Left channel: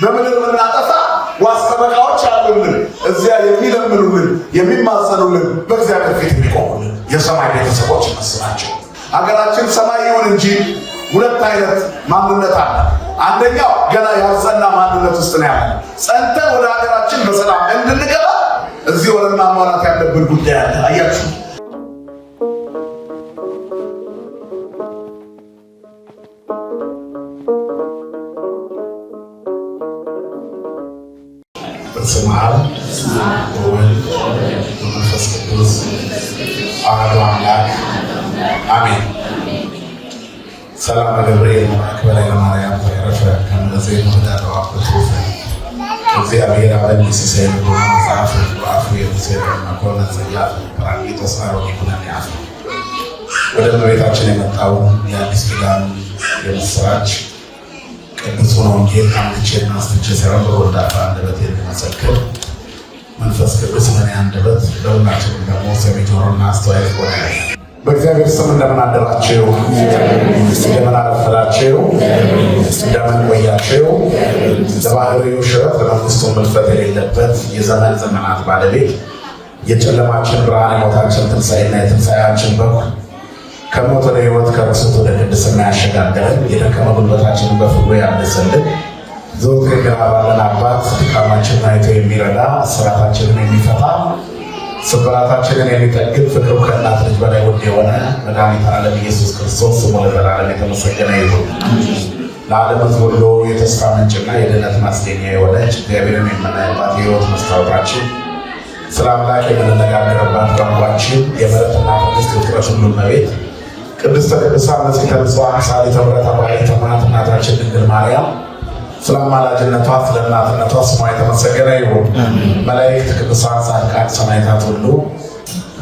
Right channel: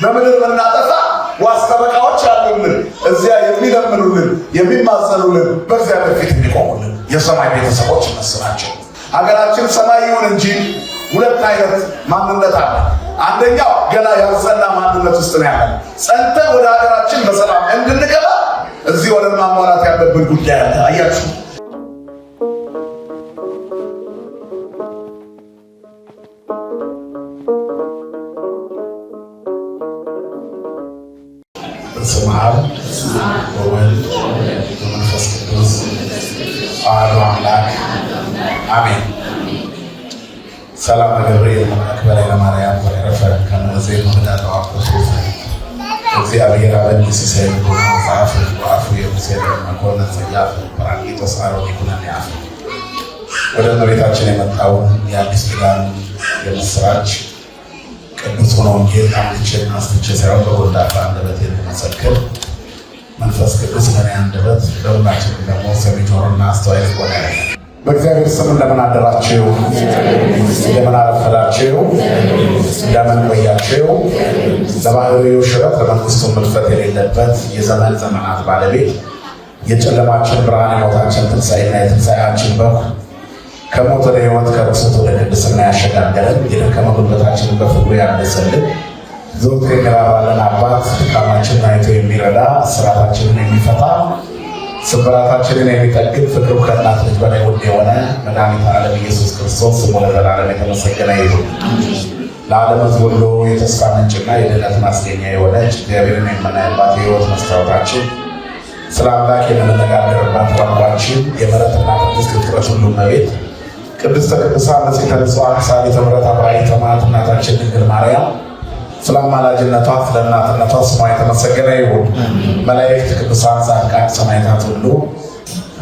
በምድር የምናጠፋ ዋስተበቃዎች አሉልን። እዚያ የሚለምኑልን የሚማጸኑልን በእግዚአብሔር ፊት የሚቆሙልን የሰማይ ቤተሰቦች መስላቸው። ሀገራችን ሰማይ ይሁን እንጂ ሁለት አይነት ማንነት አለ። አንደኛው ገና ያልጸና ማንነት ውስጥ ነው ያለ። ጸንተን ወደ ሀገራችን በሰላም እንድንገባ እዚህ ወደ ማሟላት ያለብን ጉዳይ አለ። አያችሁ በስመ አብ ወወልድ ወመንፈስ ቅዱስ አሐዱ አምላክ አሜን። ሰላም ገብርኤል መልአክ በላዕለ ማርያም ወረፈ ከመዘይ መዳጣው አፍሮስ እግዚአብሔር አብን ሲሳይ ነው ጻፍ ወራፍ የምሰራ መቆና ዘያፍ ፓራሚቶስ አሮኒ ኩናያ ወደ እመቤታችን የመጣው የአዲስ ኪዳን የምስራች ቅዱስ ወንጌል ካምጥቼ ማስተቸ ሰራው በወዳታ አንደበት የተመሰከረ መንፈስ ቅዱስ በእኔ አንደበት ለሁላችን ደግሞ ሰሚ ጆሮና አስተዋይ ሆነ። በእግዚአብሔር ስም እንደምን አደራችሁ? እንደምን አረፈዳችሁ? እንደምን ቆያችሁ? ለባህሪው ሽረት ለመንግስቱ ምልፈት የሌለበት የዘመን ዘመናት ባለቤት የጨለማችን ብርሃን የሞታችን ትንሣኤና የትንሣኤያችን በኩር ከሞት ወደ ሕይወት ከርሱት ወደ ቅድስና ያሸጋገረን የደከመ ጉልበታችንን በፍቅሩ ያነጸልን ዘወትር የሚራራልን አባት ድካማችንን አይቶ የሚረዳ እስራታችንን የሚፈታ ስብራታችንን የሚጠግን ፍቅሩ ከእናት ልጅ በላይ ውድ የሆነ መድኃኒተ ዓለም ኢየሱስ ክርስቶስ ስሙ ለዘላለም የተመሰገነ ይሁን። ለዓለም ሕዝብ ሁሉ የተስፋ ምንጭና የድኅነት ማስገኛ የሆነች እግዚአብሔርን የምናይባት የሕይወት መስታወታችን ስለ አምላክ የምንነጋገርባት ቋንቋችን የምሕረትና ቅድስት ፍጥረት ሁሉ እመቤት ቅድስተ ቅዱሳን ንጽሕተ ንጹሐን ሳሊተ ምሕረት አባይተ እማት እናታችን ድንግል ማርያም ስለ አማላጅነቷ ስለ እናትነቷ ስሟ የተመሰገነ ይሁን። መላእክት፣ ቅዱሳን፣ ጻድቃን፣ ሰማዕታት ሁሉ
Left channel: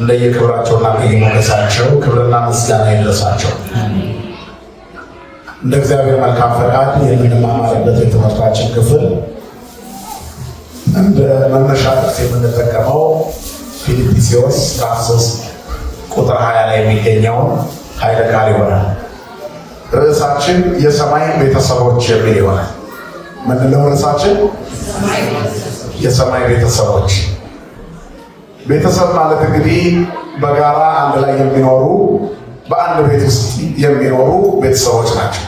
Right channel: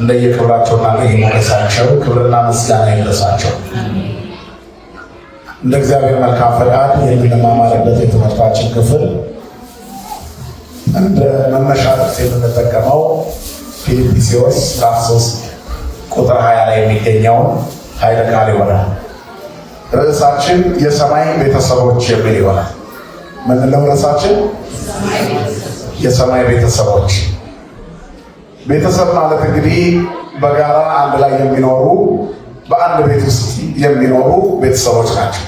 እንደየክብራቸውና እንደየሞገሳቸው ክብርና ምስጋና ይድረሳቸው። እንደ እግዚአብሔር መልካም ፈቃድ የምንማማርበት የትምህርታችን ክፍል እንደ መነሻ የምንጠቀመው ፊልጵስዩስ ምዕራፍ 3 ቁጥር 20 ላይ የሚገኘውን ኃይለ ቃል ይሆናል። ርዕሳችን የሰማይ ቤተሰቦች የሚል ይሆናል። ምንለው ርዕሳችን? የሰማይ ቤተሰቦች። ቤተሰብ ማለት እንግዲህ በጋራ አንድ ላይ የሚኖሩ በአንድ ቤት ውስጥ የሚኖሩ ቤተሰቦች ናቸው።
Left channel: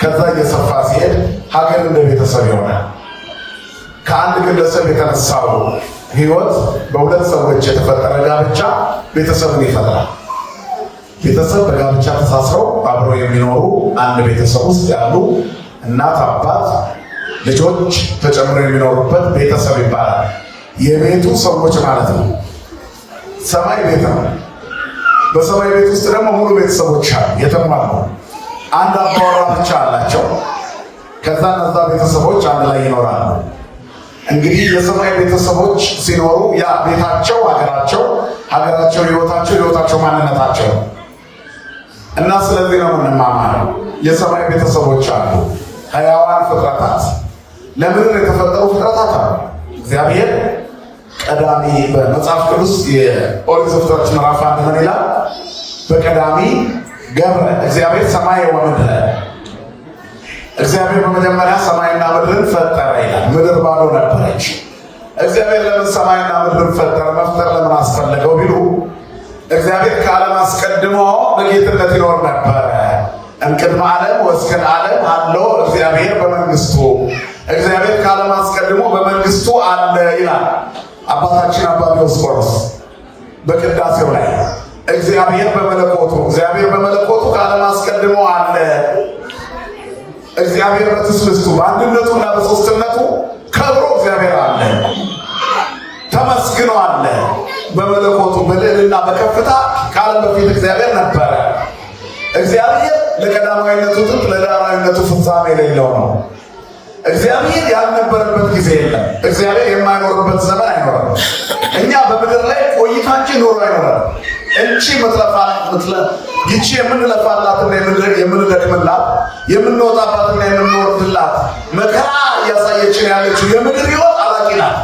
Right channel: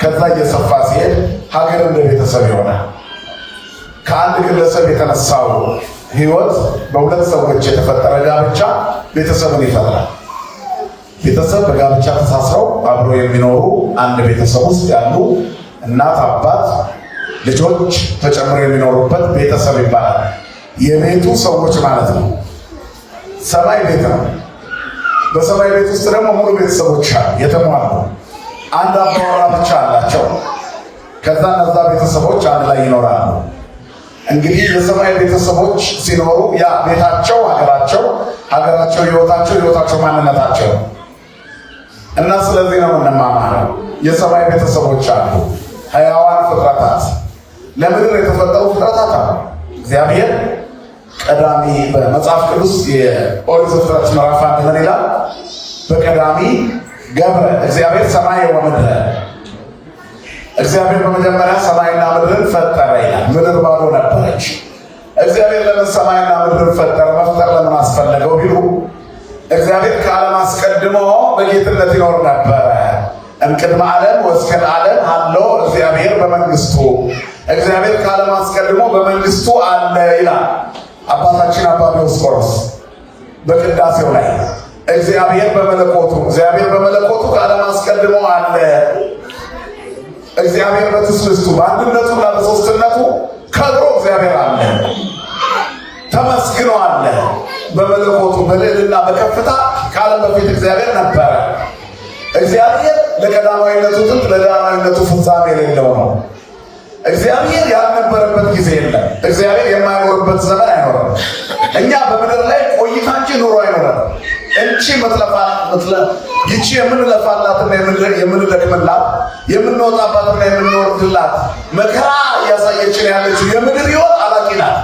ከዛ እየሰፋ ሲሄድ ሀገር እንደ ቤተሰብ ይሆናል። ከአንድ ግለሰብ የተነሳው ሕይወት በሁለት ሰዎች የተፈጠረ ጋብቻ ቤተሰብን ይፈጥራል። ቤተሰብ በጋብቻ ተሳስረው አብረው የሚኖሩ አንድ ቤተሰብ ውስጥ ያሉ እናት፣ አባት፣ ልጆች ተጨምረው የሚኖሩበት ቤተሰብ ይባላል። የቤቱ ሰዎች ማለት ነው። ሰማይ ቤት ነው። በሰማይ ቤት ውስጥ ደግሞ ሙሉ ቤተሰቦች አሉ፣ የተሟሉ። አንድ አባወራ ብቻ አላቸው። ከዛ እነዛ ቤተሰቦች አንድ ላይ ይኖራሉ። እንግዲህ የሰማይ ቤተሰቦች ሲኖሩ ያ ቤታቸው ሀገራቸው፣ ሀገራቸው ሕይወታቸው፣ ሕይወታቸው ማንነታቸው እና ስለዚህ ነው የምንማማረው። የሰማይ ቤተሰቦች አሉ፣ ሕያዋን ፍጥረታት፣ ለምድር የተፈጠሩ ፍጥረታት አሉ። እግዚአብሔር ቀዳሚ በመጽሐፍ ቅዱስ የኦሪት ዘፍጥረት ምዕራፍ 1 ምን ይላል? በቀዳሚ ገብረ እግዚአብሔር ሰማይ ወምድረ። እግዚአብሔር በመጀመሪያ ሰማይና ምድርን ፈጠረ ይላል። ምድር ባዶ ነበረች። እግዚአብሔር ለምን ሰማይና ምድርን ፈጠረ? መፍጠር ለምን አስፈለገው ቢሉ እግዚአብሔር ከዓለም አስቀድሞ በጌትነት ይኖር ነበረ። እምቅድመ ዓለም ወእስከ ዓለም አለ እግዚአብሔር በመንግስቱ። እግዚአብሔር ከዓለም አስቀድሞ በመንግስቱ አለ ይላል አባታችን አባ ዲዮስቆሮስ በቅዳሴው ላይ። እግዚአብሔር በመለኮቱ ከዓለም አስቀድሞ አለ። እግዚአብሔር በትስብእቱ በአንድነቱና በሦስትነቱ ከብሮ እግዚአብሔር አለ፣ ተመስግኖ አለ። በመለኮቱ በልዕልና በከፍታ ከዓለም በፊት እግዚአብሔር ነበረ። እግዚአብሔር ለቀዳማዊነቱ ጥንት ለዳግማዊነቱ ፍጻሜ የሌለው ነው። እግዚአብሔር ያልነበረበት ጊዜ የለም። እግዚአብሔር የማይኖርበት ዘመን አይኖርም። እኛ በምድር ላይ ቆይታችን ኑሮ አይኖርም። ይቺ የምንለፋላትና የምንደክምላት የምንወጣባትና የምንወርድላት መከራ እያሳየችን ያለችው የምድር ሕይወት አላቂ ናት።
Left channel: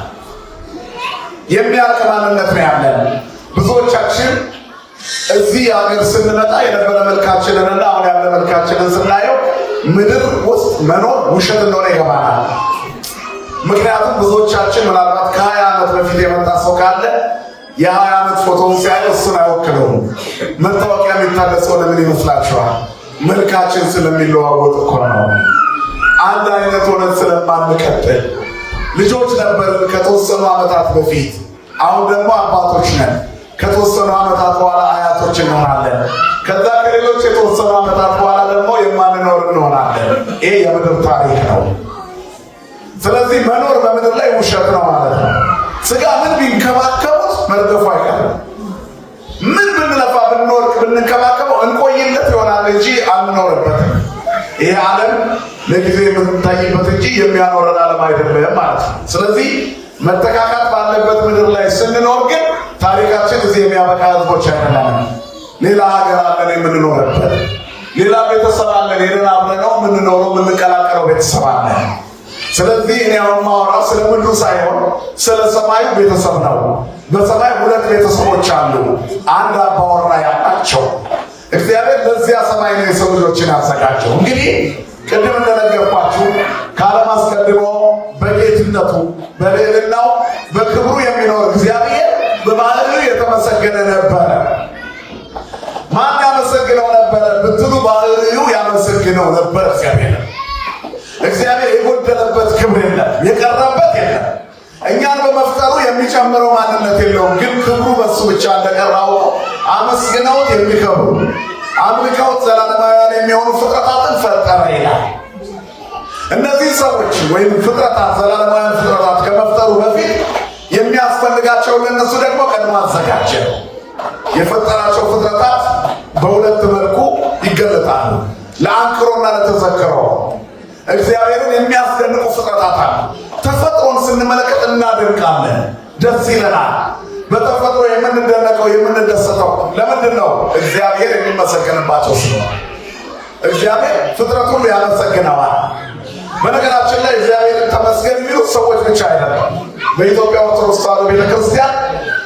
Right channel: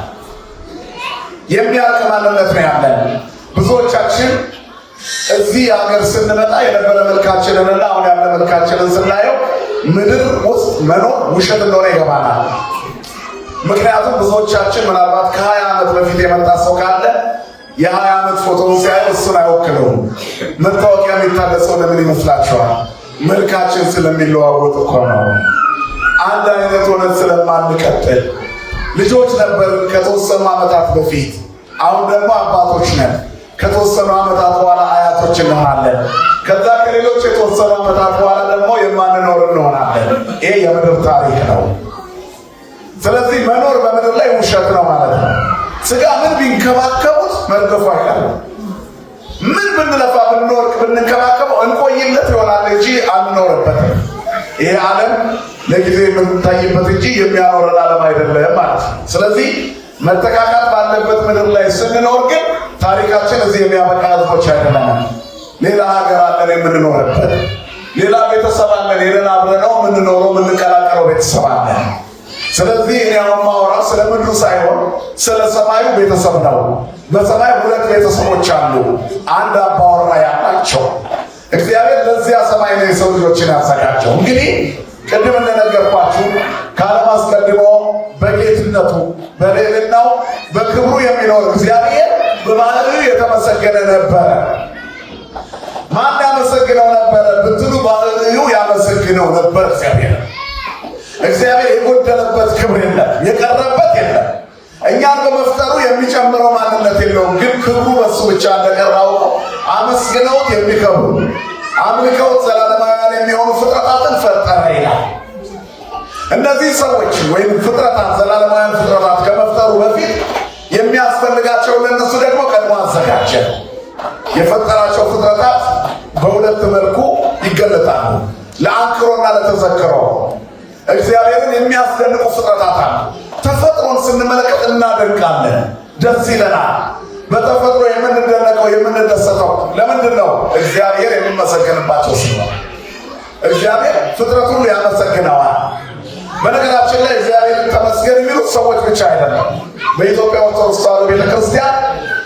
የሚያልቅ ማንነት ነው ያለን። ብዙዎቻችን እዚህ ሀገር ስንመጣ የነበረ መልካችንንና አሁን ያለ መልካችንን ስናየው ምድር ውስጥ መኖር ውሸት እንደሆነ ይገባናል። ምክንያቱም ብዙዎቻችን ምናልባት ከ20 ዓመት በፊት የመጣ ሰው ካለ የ20 ዓመት ፎቶውን ሲያይ እሱን አይወክለውም። መታወቂያ የሚታደሰው ለምን ይመስላችኋል? መልካችን ስለሚለዋወጥ እኮ ነው። አንድ አይነት ሆነን ስለማንቀጥል። ልጆች ነበርን ከተወሰኑ ዓመታት በፊት፣ አሁን ደግሞ አባቶች ነን። ከተወሰኑ ዓመታት በኋላ አያቶች እንሆናለን። ከዛ ከሌሎች የተወሰኑ ዓመታት በኋላ ደግሞ የማንኖር እንሆናለን። ይሄ የምድር ታሪክ ነው። ስለዚህ መኖር በምድር ላይ ውሸት ነው ማለት ነው። ስጋ ምን ቢንከባከቡት መርገፉ አይቀርም። ምን ብንለፋ ብንወርቅ ብንከባከበው እንቆይለት ይሆናል እንጂ አንኖርበትም። ይሄ ዓለም ለጊዜ የምንታይበት እንጂ የሚያኖረን ዓለም አይደለም ማለት ነው። ስለዚህ መተካካት ባለበት ምድር ላይ ስንኖር ግን ታሪካችን እዚህ የሚያበቃ ህዝቦች አይደለም። ሌላ ሀገር አለን የምንኖርበት፣ ሌላ ቤተሰብ አለን ሄደን አብረነው የምንኖረው የምንቀላቀለው ቤተሰብ አለን። ስለዚህ እኔ አሁን ማወራው ስለ ምድሩ ሳይሆን ስለ ሰማዩ ቤተሰብ ነው። በሰማይ 2 ቤተሰቦች አሉ፣ አንድ አባወራ ያላቸው። እግዚአብሔር ለዚያ ሰማይ ነው የሰው ልጆችን ያዘጋጀው። እንግዲህ ቅድም እንደነገርኳችሁ ከዓለም አስቀድሞ በጌትነቱ በልዕልናው በክብሩ የሚኖር እግዚአብሔር በባህሪው የተመሰገነ ነበረ። ማን ያመሰግነው ነበረ ብትሉ ባህሪው ያመሰግነው ነበር። እግዚአብሔር የጎደለበት ክብር የለም፣ የቀረበት የለም። እኛን በመፍጠሩ የሚጨምረው ማንነት የለውም። ግን ክብሩ በሱ ብቻ እንደቀራው አመስግነውት የሚከብሩ አምልከውት ዘላለማውያን የሚሆኑ ፍጥረታትን ፈጠረ ይላል። እነዚህ ሰዎች ወይም ፍጥረታት ዘላለማውያን ፍጥረታት ከመፍጠሩ በፊት የሚያስፈልጋቸው ለነሱ ደግሞ ቀድሞ አዘጋጀ። የፈጠራቸው ፍጥረታት በሁለት መልኩ ይገለጣሉ፣ ለአንክሮና ለተዘክሮ። እግዚአብሔርን የሚያስደንቁ ፍጥረታት አሉ። ተፈጥሮን ስንመለከት እናደንቃለን፣ ደስ ይለናል። በተፈጥሮ የምንደነቀው የምንደሰተው ለምንድን ነው? እግዚአብሔር የሚመሰገንባቸው ሲሆን እግዚአብሔር ፍጥረት ሁሉ ያመሰግነዋል። በነገራችን ላይ እግዚአብሔር ተመስገን የሚሉት ሰዎች ብቻ አይደለም። በኢትዮጵያ ኦርቶዶክስ ተዋሕዶ ቤተክርስቲያን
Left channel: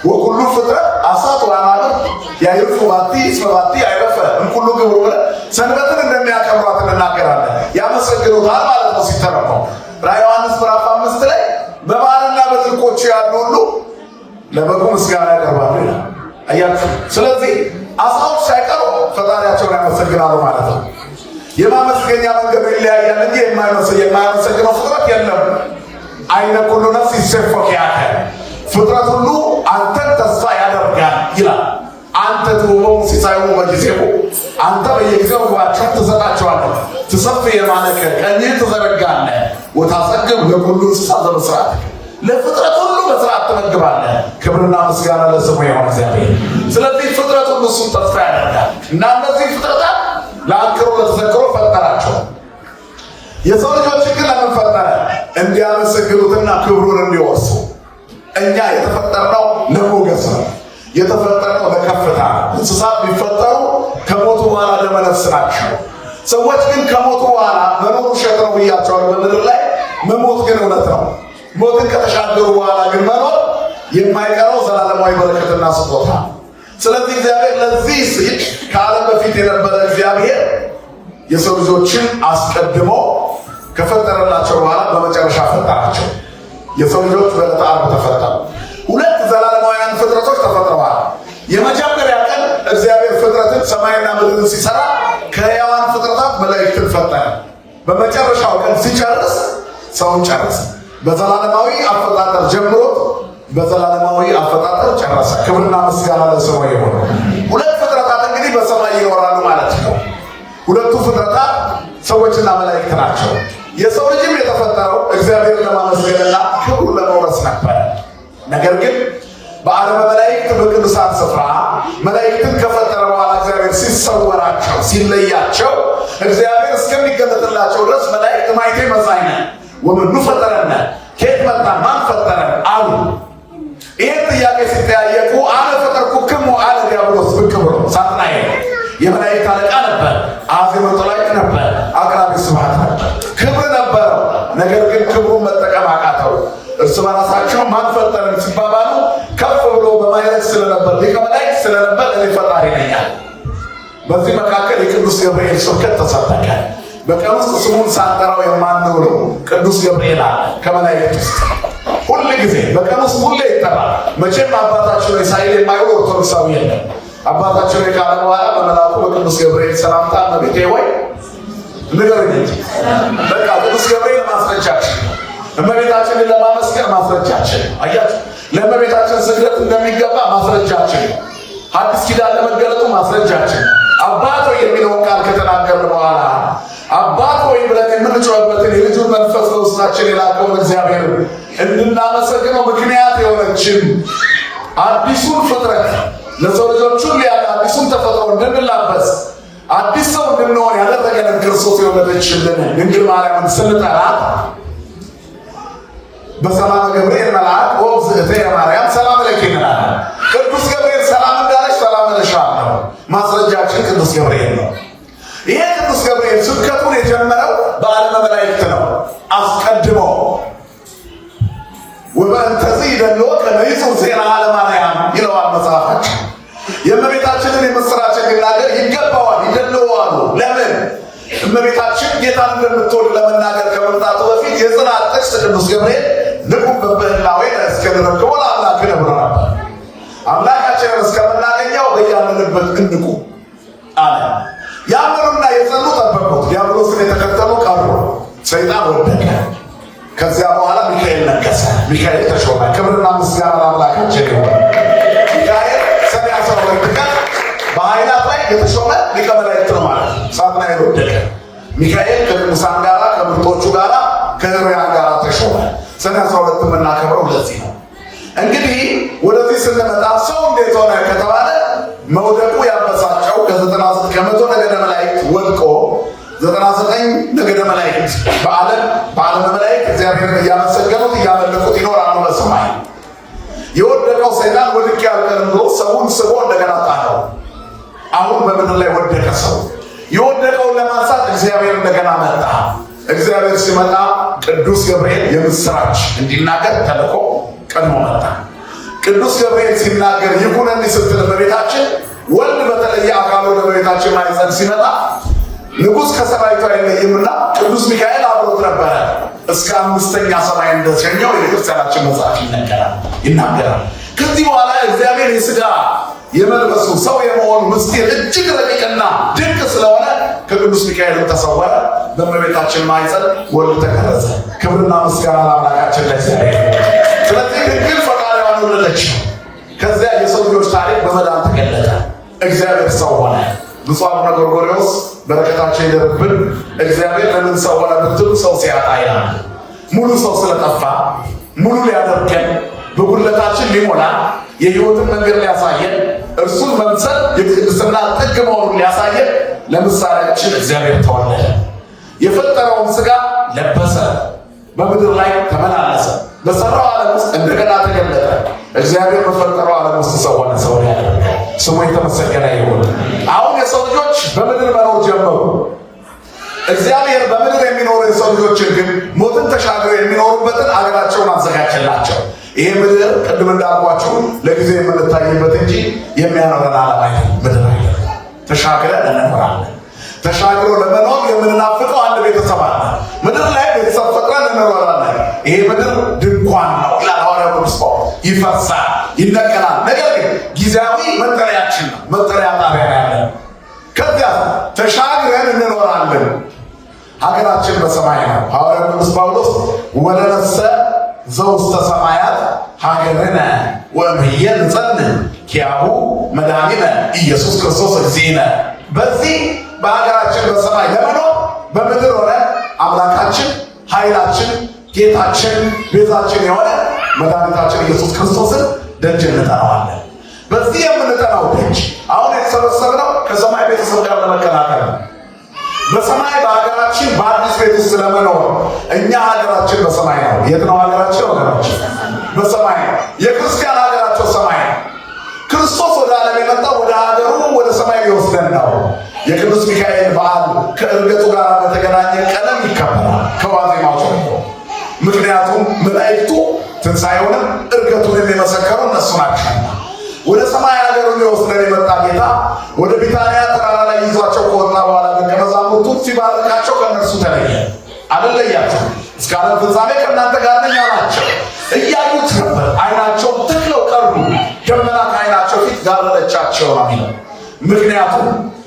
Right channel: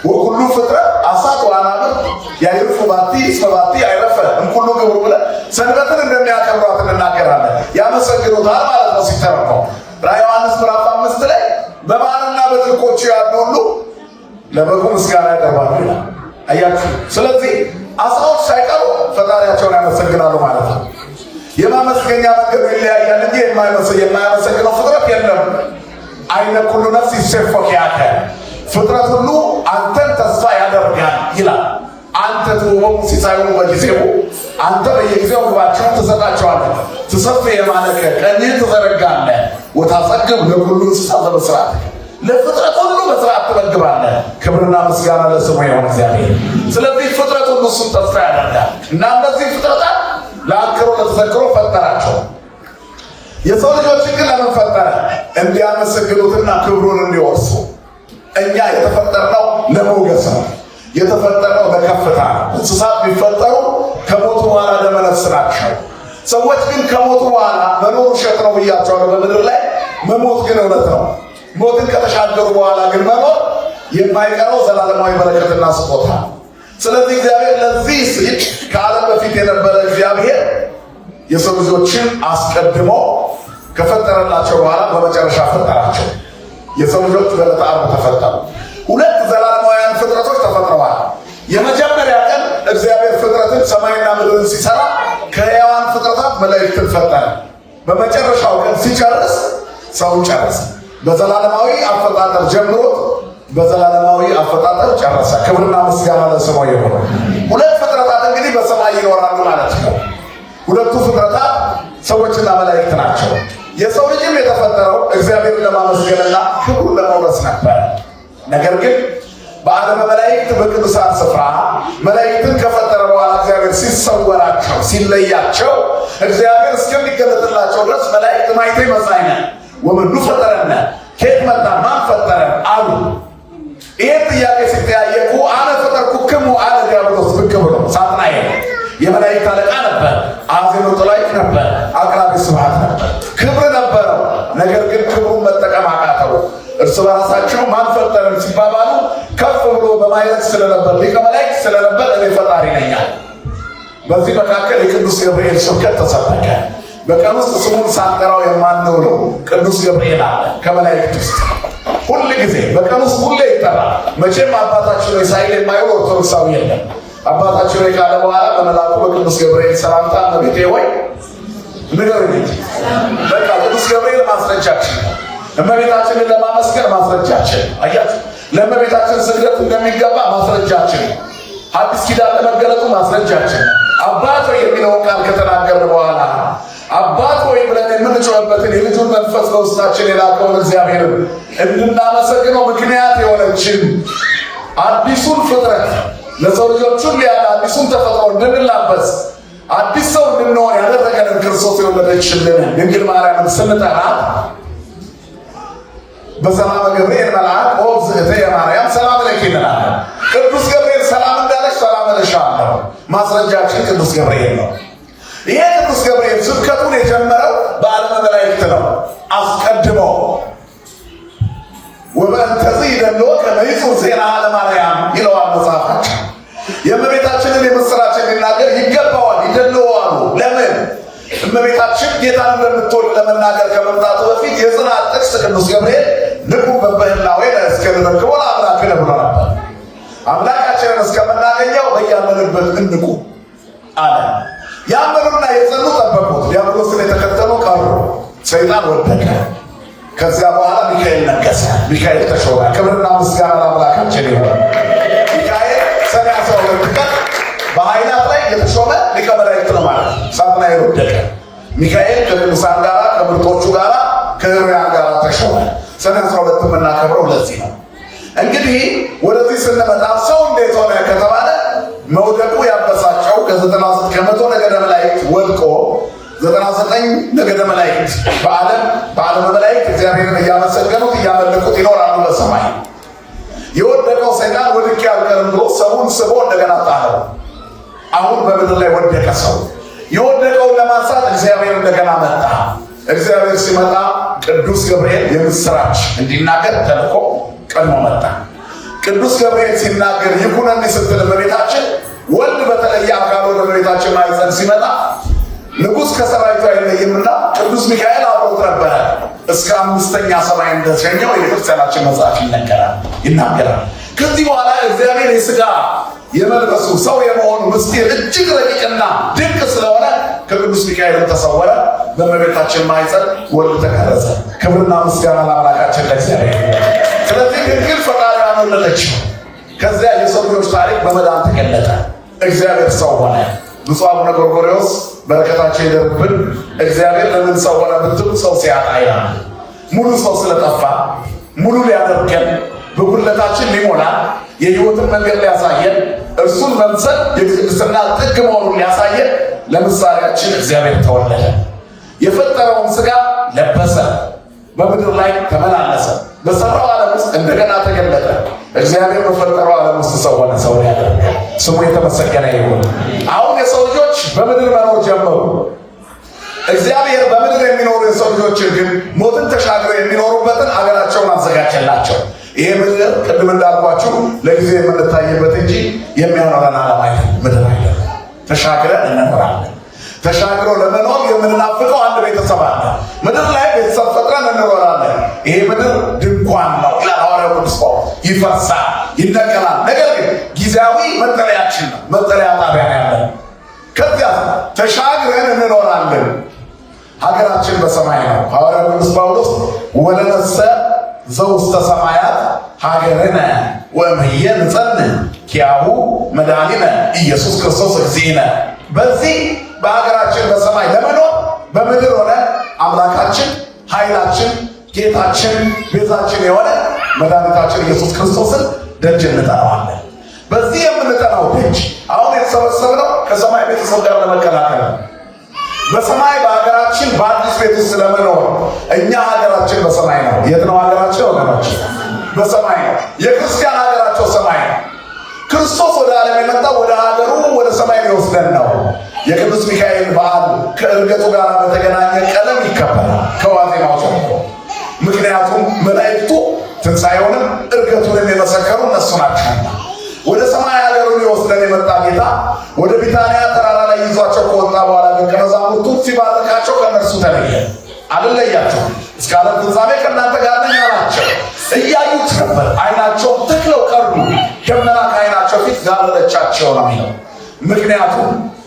ወኩሉ ፍጥረት አሳት ወአናብር ያዕርፉ ባቲ እስመ ባቲ አይረፈ እምኩሉ ግብሩ ብለን ሰንበትን እንደሚያከብሯት እንናገራለን። ያመሰግኑታል ማለት ነው ሲተረፈው። ራዕየ ዮሐንስ ምዕራፍ 5 ላይ በባሕርና በጥልቆቹ ያሉ ሁሉ ለበጉ ምስጋና ያቀርባሉ ይላል። አያችሁ። ስለዚህ አሳዎች ሳይቀሩ ፈጣሪያቸውን ያመሰግናሉ ማለት ነው። የማመስገኛ መንገድ ይለያያል እንጂ የማያመሰግነው ፍጥረት የለም። አይነ ኩሉ ነፍስ ይሴፎክ ያከ ፍጥረት ሁሉ አንተን ተስፋ ያደርጋል ይላል። አንተ ትውበው ሲሳዩ በጊዜው አንተ በየጊዜው ዋቸው ትሰጣቸዋለህ። ትሰፍ የማነከ ቀኝህ ትዘረጋለህ። ወታጸግብ ለኩሉ እንስሳ በስርዓት ለፍጥረት ሁሉ በስርዓት ትመግባለህ። ክብርና ምስጋና ለስሙ ይሁን እግዚአብሔር። ስለዚህ ፍጥረት ሁሉ እሱን ተስፋ ያደርጋል እና እነዚህ ፍጥረታት ለአንክሮ ለተዘክሮ ፈጠራቸው። የሰው ልጆች ግን ለምን ፈጠረ? እንዲያመሰግኑትና ክብሩን እንዲወርሱ። እኛ የተፈጠርነው ለሞገስ ነው፣ የተፈጠርነው ለከፍታ። እንስሳት ቢፈጠሩ ከሞቱ በኋላ ለመነፍስ ናቸው። ሰዎች ግን ከሞቱ በኋላ መኖር ውሸት ነው ብያቸዋለሁ። በምድር ላይ መሞት ግን እውነት ነው። ሞትን ከተሻገሩ በኋላ ግን መኖር የማይቀረው ዘላለማዊ በረከትና ስጦታ። ስለዚህ እግዚአብሔር ለዚህ ሲል ከዓለም በፊት የነበረ እግዚአብሔር የሰው ልጆችን አስቀድሞ ከፈጠረላቸው በኋላ በመጨረሻ ፈጠራቸው። የሰው ልጆች በዕለተ ዓርብ ተፈጠሩ። 2 ዘላለማውያን ፍጥረቶች ተፈጥረዋል። የመጀመሪያ ቀን እግዚአብሔር ፍጥረትን ሰማይና ምድርን ሲሰራ ከሕያዋን ፍጥረታት መላእክትን ፈጠረ። በመጨረሻው ቀን ሲጨርስ ሰውን ጨረሰ። በዘላለማዊ አፈጣጠር ጀምሮ በዘላለማዊ አፈጣጠር ጨረሰ። ክብርና ምስጋና ለስሙ ይሁን። 2 ፍጥረታት እንግዲህ በሰማይ ይኖራሉ ማለት ነው። 2ቱ ፍጥረታት ሰዎችና መላእክት ናቸው። የሰው ልጅም የተፈጠረው እግዚአብሔርን ለማመስገንና ክብሩን ለመውረስ ነበር። ነገር ግን በዓለመ መላእክት በቅዱሳን ስፍራ መላእክትን ከፈጠረ በኋላ እግዚአብሔር ሲሰወራቸው ሲለያቸው እግዚአብሔር እስከሚገለጥላቸው ድረስ መላእክት ማይቴ መሳይነ ወመኑ ፈጠረነ ከየት መጣ ማን ፈጠረን አሉ። ይህን ጥያቄ ሲጠያየቁ አነ ፈጠርኩክሙ አለ ዲያብሎስ ብቅ ብሎ ሳጥናኤል የመላእክት አለቃ ነበር። አዜብ ጦላይት ነበር። አቅራቢ ስብሐት ነበር። ክብር ነበር። ነገር ግን ክብሩን መጠቀም አቃተው። እርስ በራሳቸው ማን ፈጠረን ሲባባሉ ከፍ ብሎ በማይረግ ስለነበር ሊቀ መላእክት ስለነበር እኔ ፈጣሪ ነኝ። በዚህ መካከል የቅዱስ ገብርኤል ስብከት ተሰበከ። በቀን ውስጥ ስሙን ሳንጠራው የማንውለው ቅዱስ ገብርኤል አለ ከመላእክት ውስጥ ሁሉ ጊዜ በቀን ውስጥ ሁሌ ይጠራል። መቼም አባታችን ሆይ ሳይል የማይውል ኦርቶዶክሳዊ የለም። አባታችን ሆይ ካለ በኋላ በመልአኩ በቅዱስ ገብርኤል ሰላምታ እመቤቴ ሆይ ንገሩኝ። በቃ ቅዱስ ገብርኤል ማስረጃችን፣ እመቤታችንን ለማመስገን ማስረጃችን፣ አያት ለእመቤታችን ስግደት እንደሚገባ ማስረጃችን፣ አዲስ ኪዳን ለመገለጡ ማስረጃችን። አባት ሆይ የሚለውን ቃል ከተናገረ በኋላ አባት ሆይ ብለን የምንጮህበትን የልጁን መንፈስ በውስጣችን የላከውን እግዚአብሔር እንድናመሰግነው ምክንያት የሆነችን አዲሱን ፍጥረት ለሰው ልጆች ሁሉ ያለ አዲሱን ተፈጥሮ እንድንላበስ አዲስ ሰው እንድንሆን ያደረገንን ክርስቶስ የወለደችልን ድንግል ማርያምን ስንጠራ በሰላም ገብርኤል መልአክ ኦ እግዝእቴ ማርያም ሰላም ለኪ ይላል። ቅዱስ ገብርኤል ሰላም እንዳለች ሰላም እልሻለሁ። ማስረጃችን ቅዱስ ገብርኤል ነው። ይሄ ቅዱስ ገብርኤል ስብከቱን የጀመረው በዓለመ መላእክት ነው። አስቀድሞ ወበእንተዚህ ይደሎ ከመይጹር ዜና ለማርያም ይለዋል መጽሐፋችን። የእመቤታችንን የምስራች የሚናገር ይገባዋል፣ ይደለዋል። ለምን? እመቤታችን ጌታን እንደምትወልድ ለመናገር ከመምጣቱ በፊት የጽናት ጥቅስ ቅዱስ ገብርኤል ንቁም በበህላዌ እስከንረክቦ ለአምላክ ብሎ ነበር። አምላካችንን እስከምናገኘው በያለንበት እንቁ አለ። ያመኑና የጸኑ ጠበቁት። ዲያብሎስን የተከተሉ ቀሩ። ሰይጣን ወደቀ። ከዚያ በኋላ ሚካኤል ነገሰ። ሚካኤል ተሾመ። ክብርና ምስጋና አምላካችን ይሁን። ሚካኤል ሰኔ 12 ቀን በኃይላት ላይ የተሾመ ሊቀ መላእክት ነው ማለት ነው። ሳጥናኤል ወደቀ። ሚካኤል ከቅዱሳን ጋር ከምርጦቹ ጋር ከሕሩያን ጋር ተሾመ። ሰኔ 12 የምናከብረው ለዚህ ነው። እንግዲህ ወደዚህ ስንመጣ ሰው እንዴት ሆነ ከተባለ መውደቁ ያበሳጨው ከ99 ከመቶ ነገደ መላእክት ወድቆ 99 ነገደ መላእክት በዓለመ መላእክት እግዚአብሔርን እያመሰገኑት እያመለኩት ይኖራሉ በሰማይ። የወደቀው ሰይጣን ወድቄ አልቀርም ብሎ ሰውን ስቦ እንደገና ጣለው። አሁን በምድር ላይ ወደቀ ሰው። የወደቀውን ለማንሳት እግዚአብሔር እንደገና መጣ። እግዚአብሔር ሲመጣ ቅዱስ ገብርኤል የምስራች እንዲናገር ተልኮ ቀድሞ መጣ። ቅዱስ ገብርኤል ሲናገር ይሁነኒ ስትል እመቤታችን ወልድ በተለየ አካል ወደ እመቤታችን ማኅፀን ሲመጣ ንጉሥ ከሰራዊቱ አይለይምና ቅዱስ ሚካኤል አብሮት ነበረ። እስከ 5ኛ ሰማይ እንደሸኘው የቤተክርስቲያናችን መጽሐፍ ይናገራል። ከዚህ በኋላ እግዚአብሔር የሥጋ የመልበሱ ሰው የመሆኑ ምስጢር እጅግ ረቂቅና ድንቅ ስለሆነ ከቅዱስ ሚካኤል ተሰወረ። በእመቤታችን ማኅፀን ወልድ ተቀረጸ። ክብርና ምስጋና ለአምላካችን ለእግዚአብሔር። ስለዚህ ድንግል ፈጣሪዋን ወለደች። ከዚያ የሰው ልጆች ታሪክ በመዳን ተገለጠ። እግዚአብሔር ሰው ሆነ። ብፁዕ አቡነ ጎርጎርዮስ በረከታቸው ይደርብን። እግዚአብሔር ለምን ሰው ሆነ ብትሉ ሰው ሲያጣ ይላል። ሙሉ ሰው ስለጠፋ ሙሉ ሊያደርገን በጉድለታችን ሊሞላ የሕይወትን መንገድ ሊያሳየን እርሱን መምሰል የቅድስና ጥግ መሆኑን ሊያሳየን ለምሳሌያችን እግዚአብሔር ተወለደ። የፈጠረውን ሥጋ ለበሰ። በምድር ላይ ተመላለሰ። በሰራው ዓለም ውስጥ እንደገና ተገለጠ። እግዚአብሔር በፈጠረው ዓለም ውስጥ ሰው ሆነ። ሰው ያደረገ ስሙ የተመሰገነ ይሁን። አሁን የሰው ልጆች በምድር መኖር ጀመሩ። እግዚአብሔር በምድር የሚኖሩ የሰው ልጆችን ግን ሞትን ተሻግረው የሚኖሩበትን አገራቸውን አዘጋጀላቸው። ይሄ ምድር ቅድም እንዳልኳችሁ ለጊዜ የምንታይበት እንጂ የሚያኖረን ዓላማ ምድር አይደለም። ተሻግረን እንኖራለን። ተሻግረው ለመኖር የምንናፍቀው አንድ ቤተሰብ አለ። ምድር ላይ ቤተሰብ ፈጥረን እንኖራለን። ይሄ ምድር ድንኳን ነው ይላል ሐዋርያው ቅዱስ ጳውሎስ። ይፈርሳል፣ ይነቀላል። ነገር ግን ጊዜያዊ መጠለያችን ነው፣ መጠለያ ጣቢያ ያለን። ከዚያ ተሻግረን እንኖራለን። ሀገራችን በሰማይ ነው። ሐዋርያው ቅዱስ ጳውሎስ ወለነሰ ዘውስተ ሰማያት ሀገርነ ወእምየ ንጸንዕ ኪያሁ መድኃኒነ ኢየሱስ ክርስቶስ እግዚእነ። በዚህ በሀገራችን በሰማይ ለመኖር በምድር ሆነ አምላካችን ኃይላችን ጌታችን ቤዛችን የሆነ መድኃኒታችን ኢየሱስ ክርስቶስን ደጅ እንጠራዋለን። በዚህ የምንጠራው ደጅ አሁን የተሰበሰብነው ከሰማይ ቤተሰብ ጋር ለመቀላቀል በሰማይ በሀገራችን በአዲስ ቤት ውስጥ ለመኖር እኛ ሀገራችን በሰማይ ነው። የት ነው ሀገራችን? ወገናችን በሰማይ ነው። የክርስቲያን ሀገራቸው ሰማይ ነው። ክርስቶስ ወደ ዓለም የመጣው ወደ ሀገሩ ወደ ሰማይ ሊወስደን ነው። የቅዱስ ሚካኤል በዓል ከዕርገቱ ጋር በተገናኘ ቀለም ይከበራል ከዋዜማው ጀምሮ። ምክንያቱም መላእክቱ ትንሣኤውንም ዕርገቱንም የመሰከሩ እነሱ ናቸው። ወደ ሰማይ ሀገሩ ሊወስደን የመጣ ጌታ ወደ ቢታንያ ተራራ ላይ ይዟቸው ከወጣ በኋላ ደቀ መዛሙርቱን ሲባርካቸው ከእነርሱ ተለየ አልለያቸው እስከ ዓለም ፍጻሜ ከእናንተ ጋር ነኝ አላቸው። እያዩት ነበር፣ ዓይናቸውን ተክለው ቀሩ። ደመና ከዓይናቸው ፊት ጋረደቻቸው ነው የሚለው።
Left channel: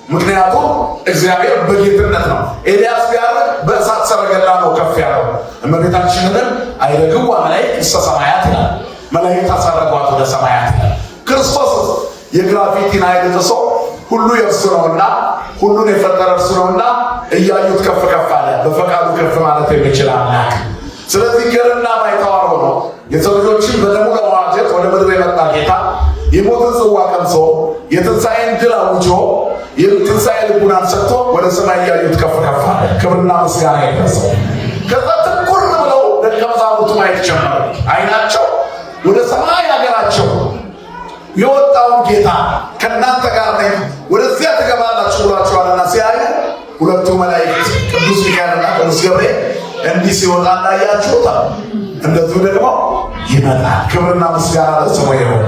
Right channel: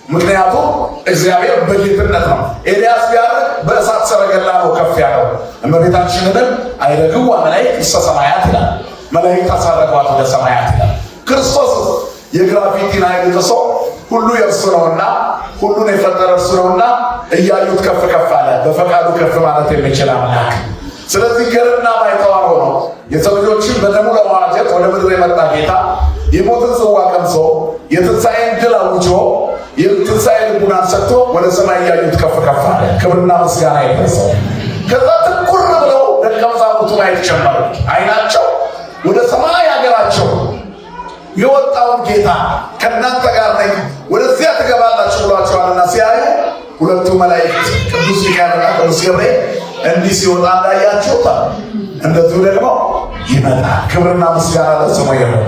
ምክንያቱም እግዚአብሔር በጌትነት ነው። ኤልያስ ቢያርግ በእሳት ሰረገላ ነው ከፍ ያለው። እመቤታችንንም አይረግዋ መላእክት እስከ ሰማያት ይላል። መላእክት አሳረጓት ወደ ሰማያት ይላል። ክርስቶስ የግራቪቲን ኃይል ጥሶ ሁሉ የእርሱ ነውና ሁሉን የፈጠረ እርሱ ነውና እያዩት ከፍ ከፍ አለ። በፈቃዱ ከፍ ማለት የሚችል አምላክ። ስለዚህ ገርና ባይተዋር ሆኖ የሰው ልጆችን በደሙ ለመዋጀት ወደ ምድር የመጣ ጌታ የሞትን ጽዋ ቀምሶ የትንሣኤን ድል አውጆ የትንሣኤ ልቡናን ሰጥቶ ወደ ሰማይ እያዩት ከፍ ከፍ አለ። ክብርና ምስጋና ይድረሰው። ከዛ ትኩር ብለው ደቀ መዛሙርቱ ማየት ጀመሩ። ዓይናቸው ወደ ሰማይ አገራቸው የወጣውን ጌታ ከእናንተ ጋር ነኝ ወደዚያ ትገባላችሁ ብሏቸዋልና ሲያዩ ሁለቱ መላእክት ቅዱስ ሚካኤልና ቅዱስ ገብርኤል እንዲህ ሲወጣ እንዳያችሁት እንደዚሁ ደግሞ ይመጣል። ክብርና ምስጋና ለስሙ ይሁን።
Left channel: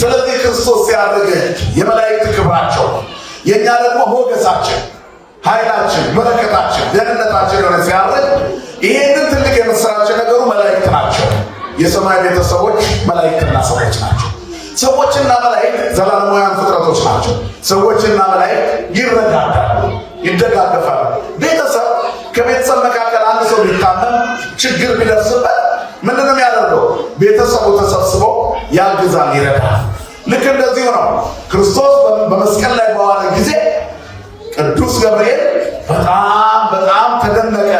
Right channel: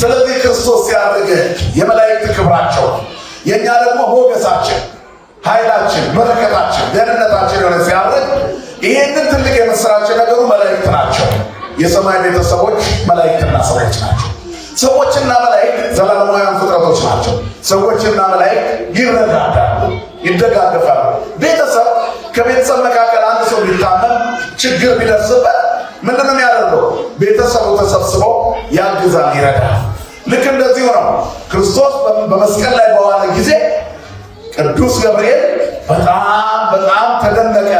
ስለዚህ ክርስቶስ ሲያደርግ የመላእክት ክብራቸው፣ የእኛ ደግሞ ሞገሳችን፣ ኃይላችን፣ በረከታችን፣ ደህንነታችን የሆነ ሲያደርግ ይህንን ትልቅ የምስራች ነገሩ መላእክት ናቸው። የሰማይ ቤተሰቦች መላእክትና ሰዎች ናቸው። ሰዎችና መላእክት ዘላለማውያን ፍጥረቶች ናቸው። ሰዎችና መላእክት ይረዳዳሉ፣ ይደጋገፋሉ። ቤተሰብ ከቤተሰብ መካከል አንድ ሰው ቢታመም ችግር ቢደርስበት ምንድን ነው የሚያደርገው? ቤተሰቡ ተሰብስበው ያግዛል፣ ይረዳል። ልክ እንደዚሁ ነው። ክርስቶስ በመስቀል ላይ በዋለ ጊዜ ቅዱስ ገብርኤል በጣም ተደነቀ።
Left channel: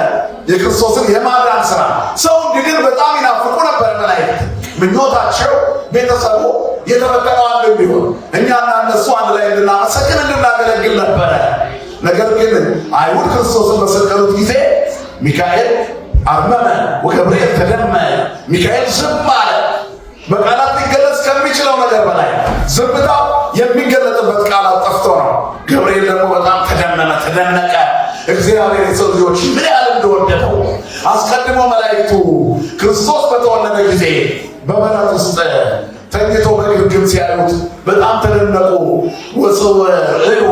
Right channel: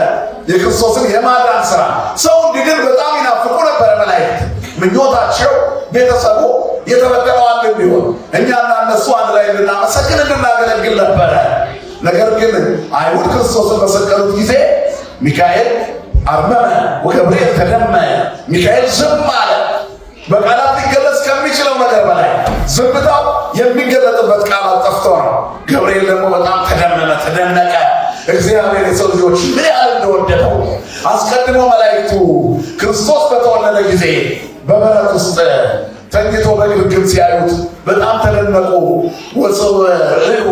የክርስቶስን የማዳን ስራ ሰው እንዲድን በጣም ይናፍቁ ነበር መላእክት። ምኞታቸው ቤተሰቡ የተበቀለው አንድ ቢሆን እኛና እነሱ አንድ ላይ እንድናመሰግን እንድናገለግል ነበረ። ነገር ግን አይሁድ ክርስቶስን በሰቀሉት ጊዜ ሚካኤል አርመመ ወገብርኤል ተደመመ። ሚካኤል ዝም አለ። በቃላት ሊገለጽ ከሚችለው ነገር በላይ ዝምታው የሚገለጥበት ቃላት ጠፍቶ ነው። ገብርኤል ደግሞ በጣም ተደመመ፣ ተደነቀ። እግዚአብሔር የሰው ልጆች ምን ያህል እንደወደደው አስቀድሞ መላእክቱ ክርስቶስ በተወለደ ጊዜ በበረት ውስጥ ተኝቶ በግርግም ሲያዩት በጣም ተደነቁ። ወሰው ርኡ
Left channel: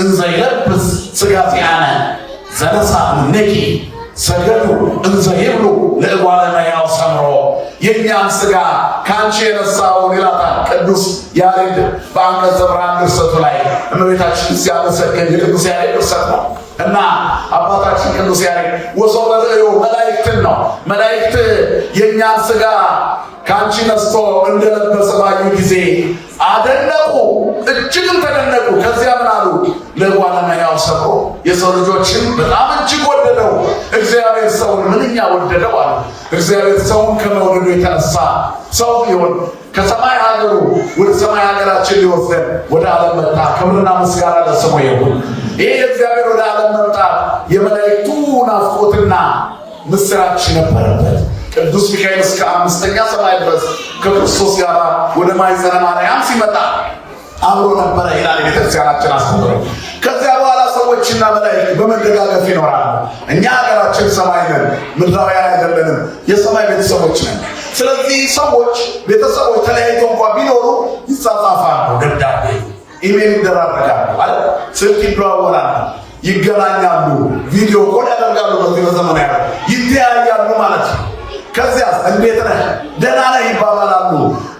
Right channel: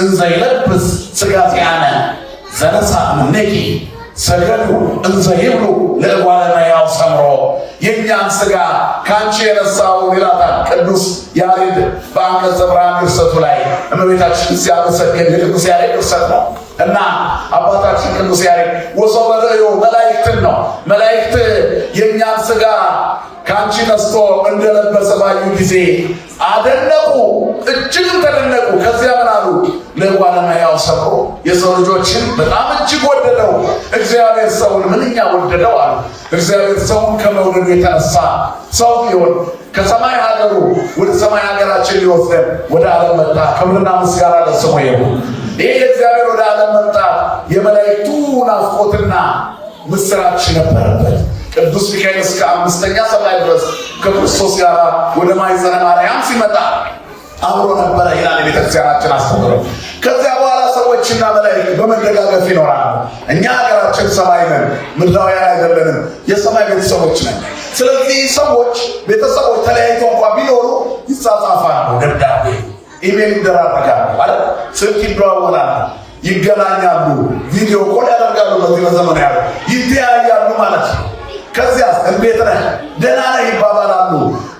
እንዘ ይለብስ ሥጋቲአነ ዘነሣ እምኔኪ ሰገዱ እንዘ ይብሉ ለእጓለ እመሕያው ሰምሮ። የእኛን ሥጋ ከአንቺ የነሳው ይላታል ቅዱስ ያሬድ በአንቀጸ ብርሃን ድርሰቱ ላይ እመቤታችን ሲያመሰግን የቅዱስ ያሬድ ድርሰት ነው እና አባታችን ቅዱስ ያሬድ ወሰው ርኡ መላእክትን ነው። መላእክት የእኛን ሥጋ ከአንቺ ነስቶ እንደለበሰ ባዩ ጊዜ አደነቁ፣ እጅግም ተደነቁ። ከዚያ ምን አሉ? ለእጓለ እመሕያው ሰምሮ። የሰው ልጆችን በጣም እጅግ ወደደው። እግዚአብሔር ሰውን ምንኛ ወደደው አሉ። እግዚአብሔር ሰውን ከመውደዱ የተነሳ ሰው ቢሆን ከሰማይ ሀገሩ ወደ ሰማይ ሀገራችን ሊወስደን ወደ ዓለም መጣ። ክብርና ምስጋና ለስሙ ይሁን። ይህ የእግዚአብሔር ወደ ዓለም መምጣት የመላእክቱ ናፍቆትና ምስራች ነበረበት። ቅዱስ ሚካኤል እስከ 5ኛ ሰማይ ድረስ ከክርስቶስ ጋር ወደ ማኅፀነ ማርያም ሲመጣ አብሮ ነበረ ይላል የቤተክርስቲያናችን አስተምሮ። ከዚያ በኋላ ሰዎችና መላእክት በመደጋገፍ ይኖራሉ። እኛ ሀገራችን ሰማይ ነን፣ ምድራውያን አይደለንም፣ የሰማይ ቤተሰቦች ነን። ስለዚህ ሰዎች ቤተሰቦች ተለያይተው እንኳ ቢኖሩ ይጻጻፋሉ፣ ደብዳቤ ኢሜል ይደራረጋሉ፣ ስልክ ይደዋወላሉ፣ ይገናኛሉ፣ ቪዲዮ ኮል ያደርጋሉ። በዚህ በዘመን ያሉ ይተያያሉ ማለት ነው። ከዚያ እንዴት ነህ ደህና ነህ ይባባላሉ።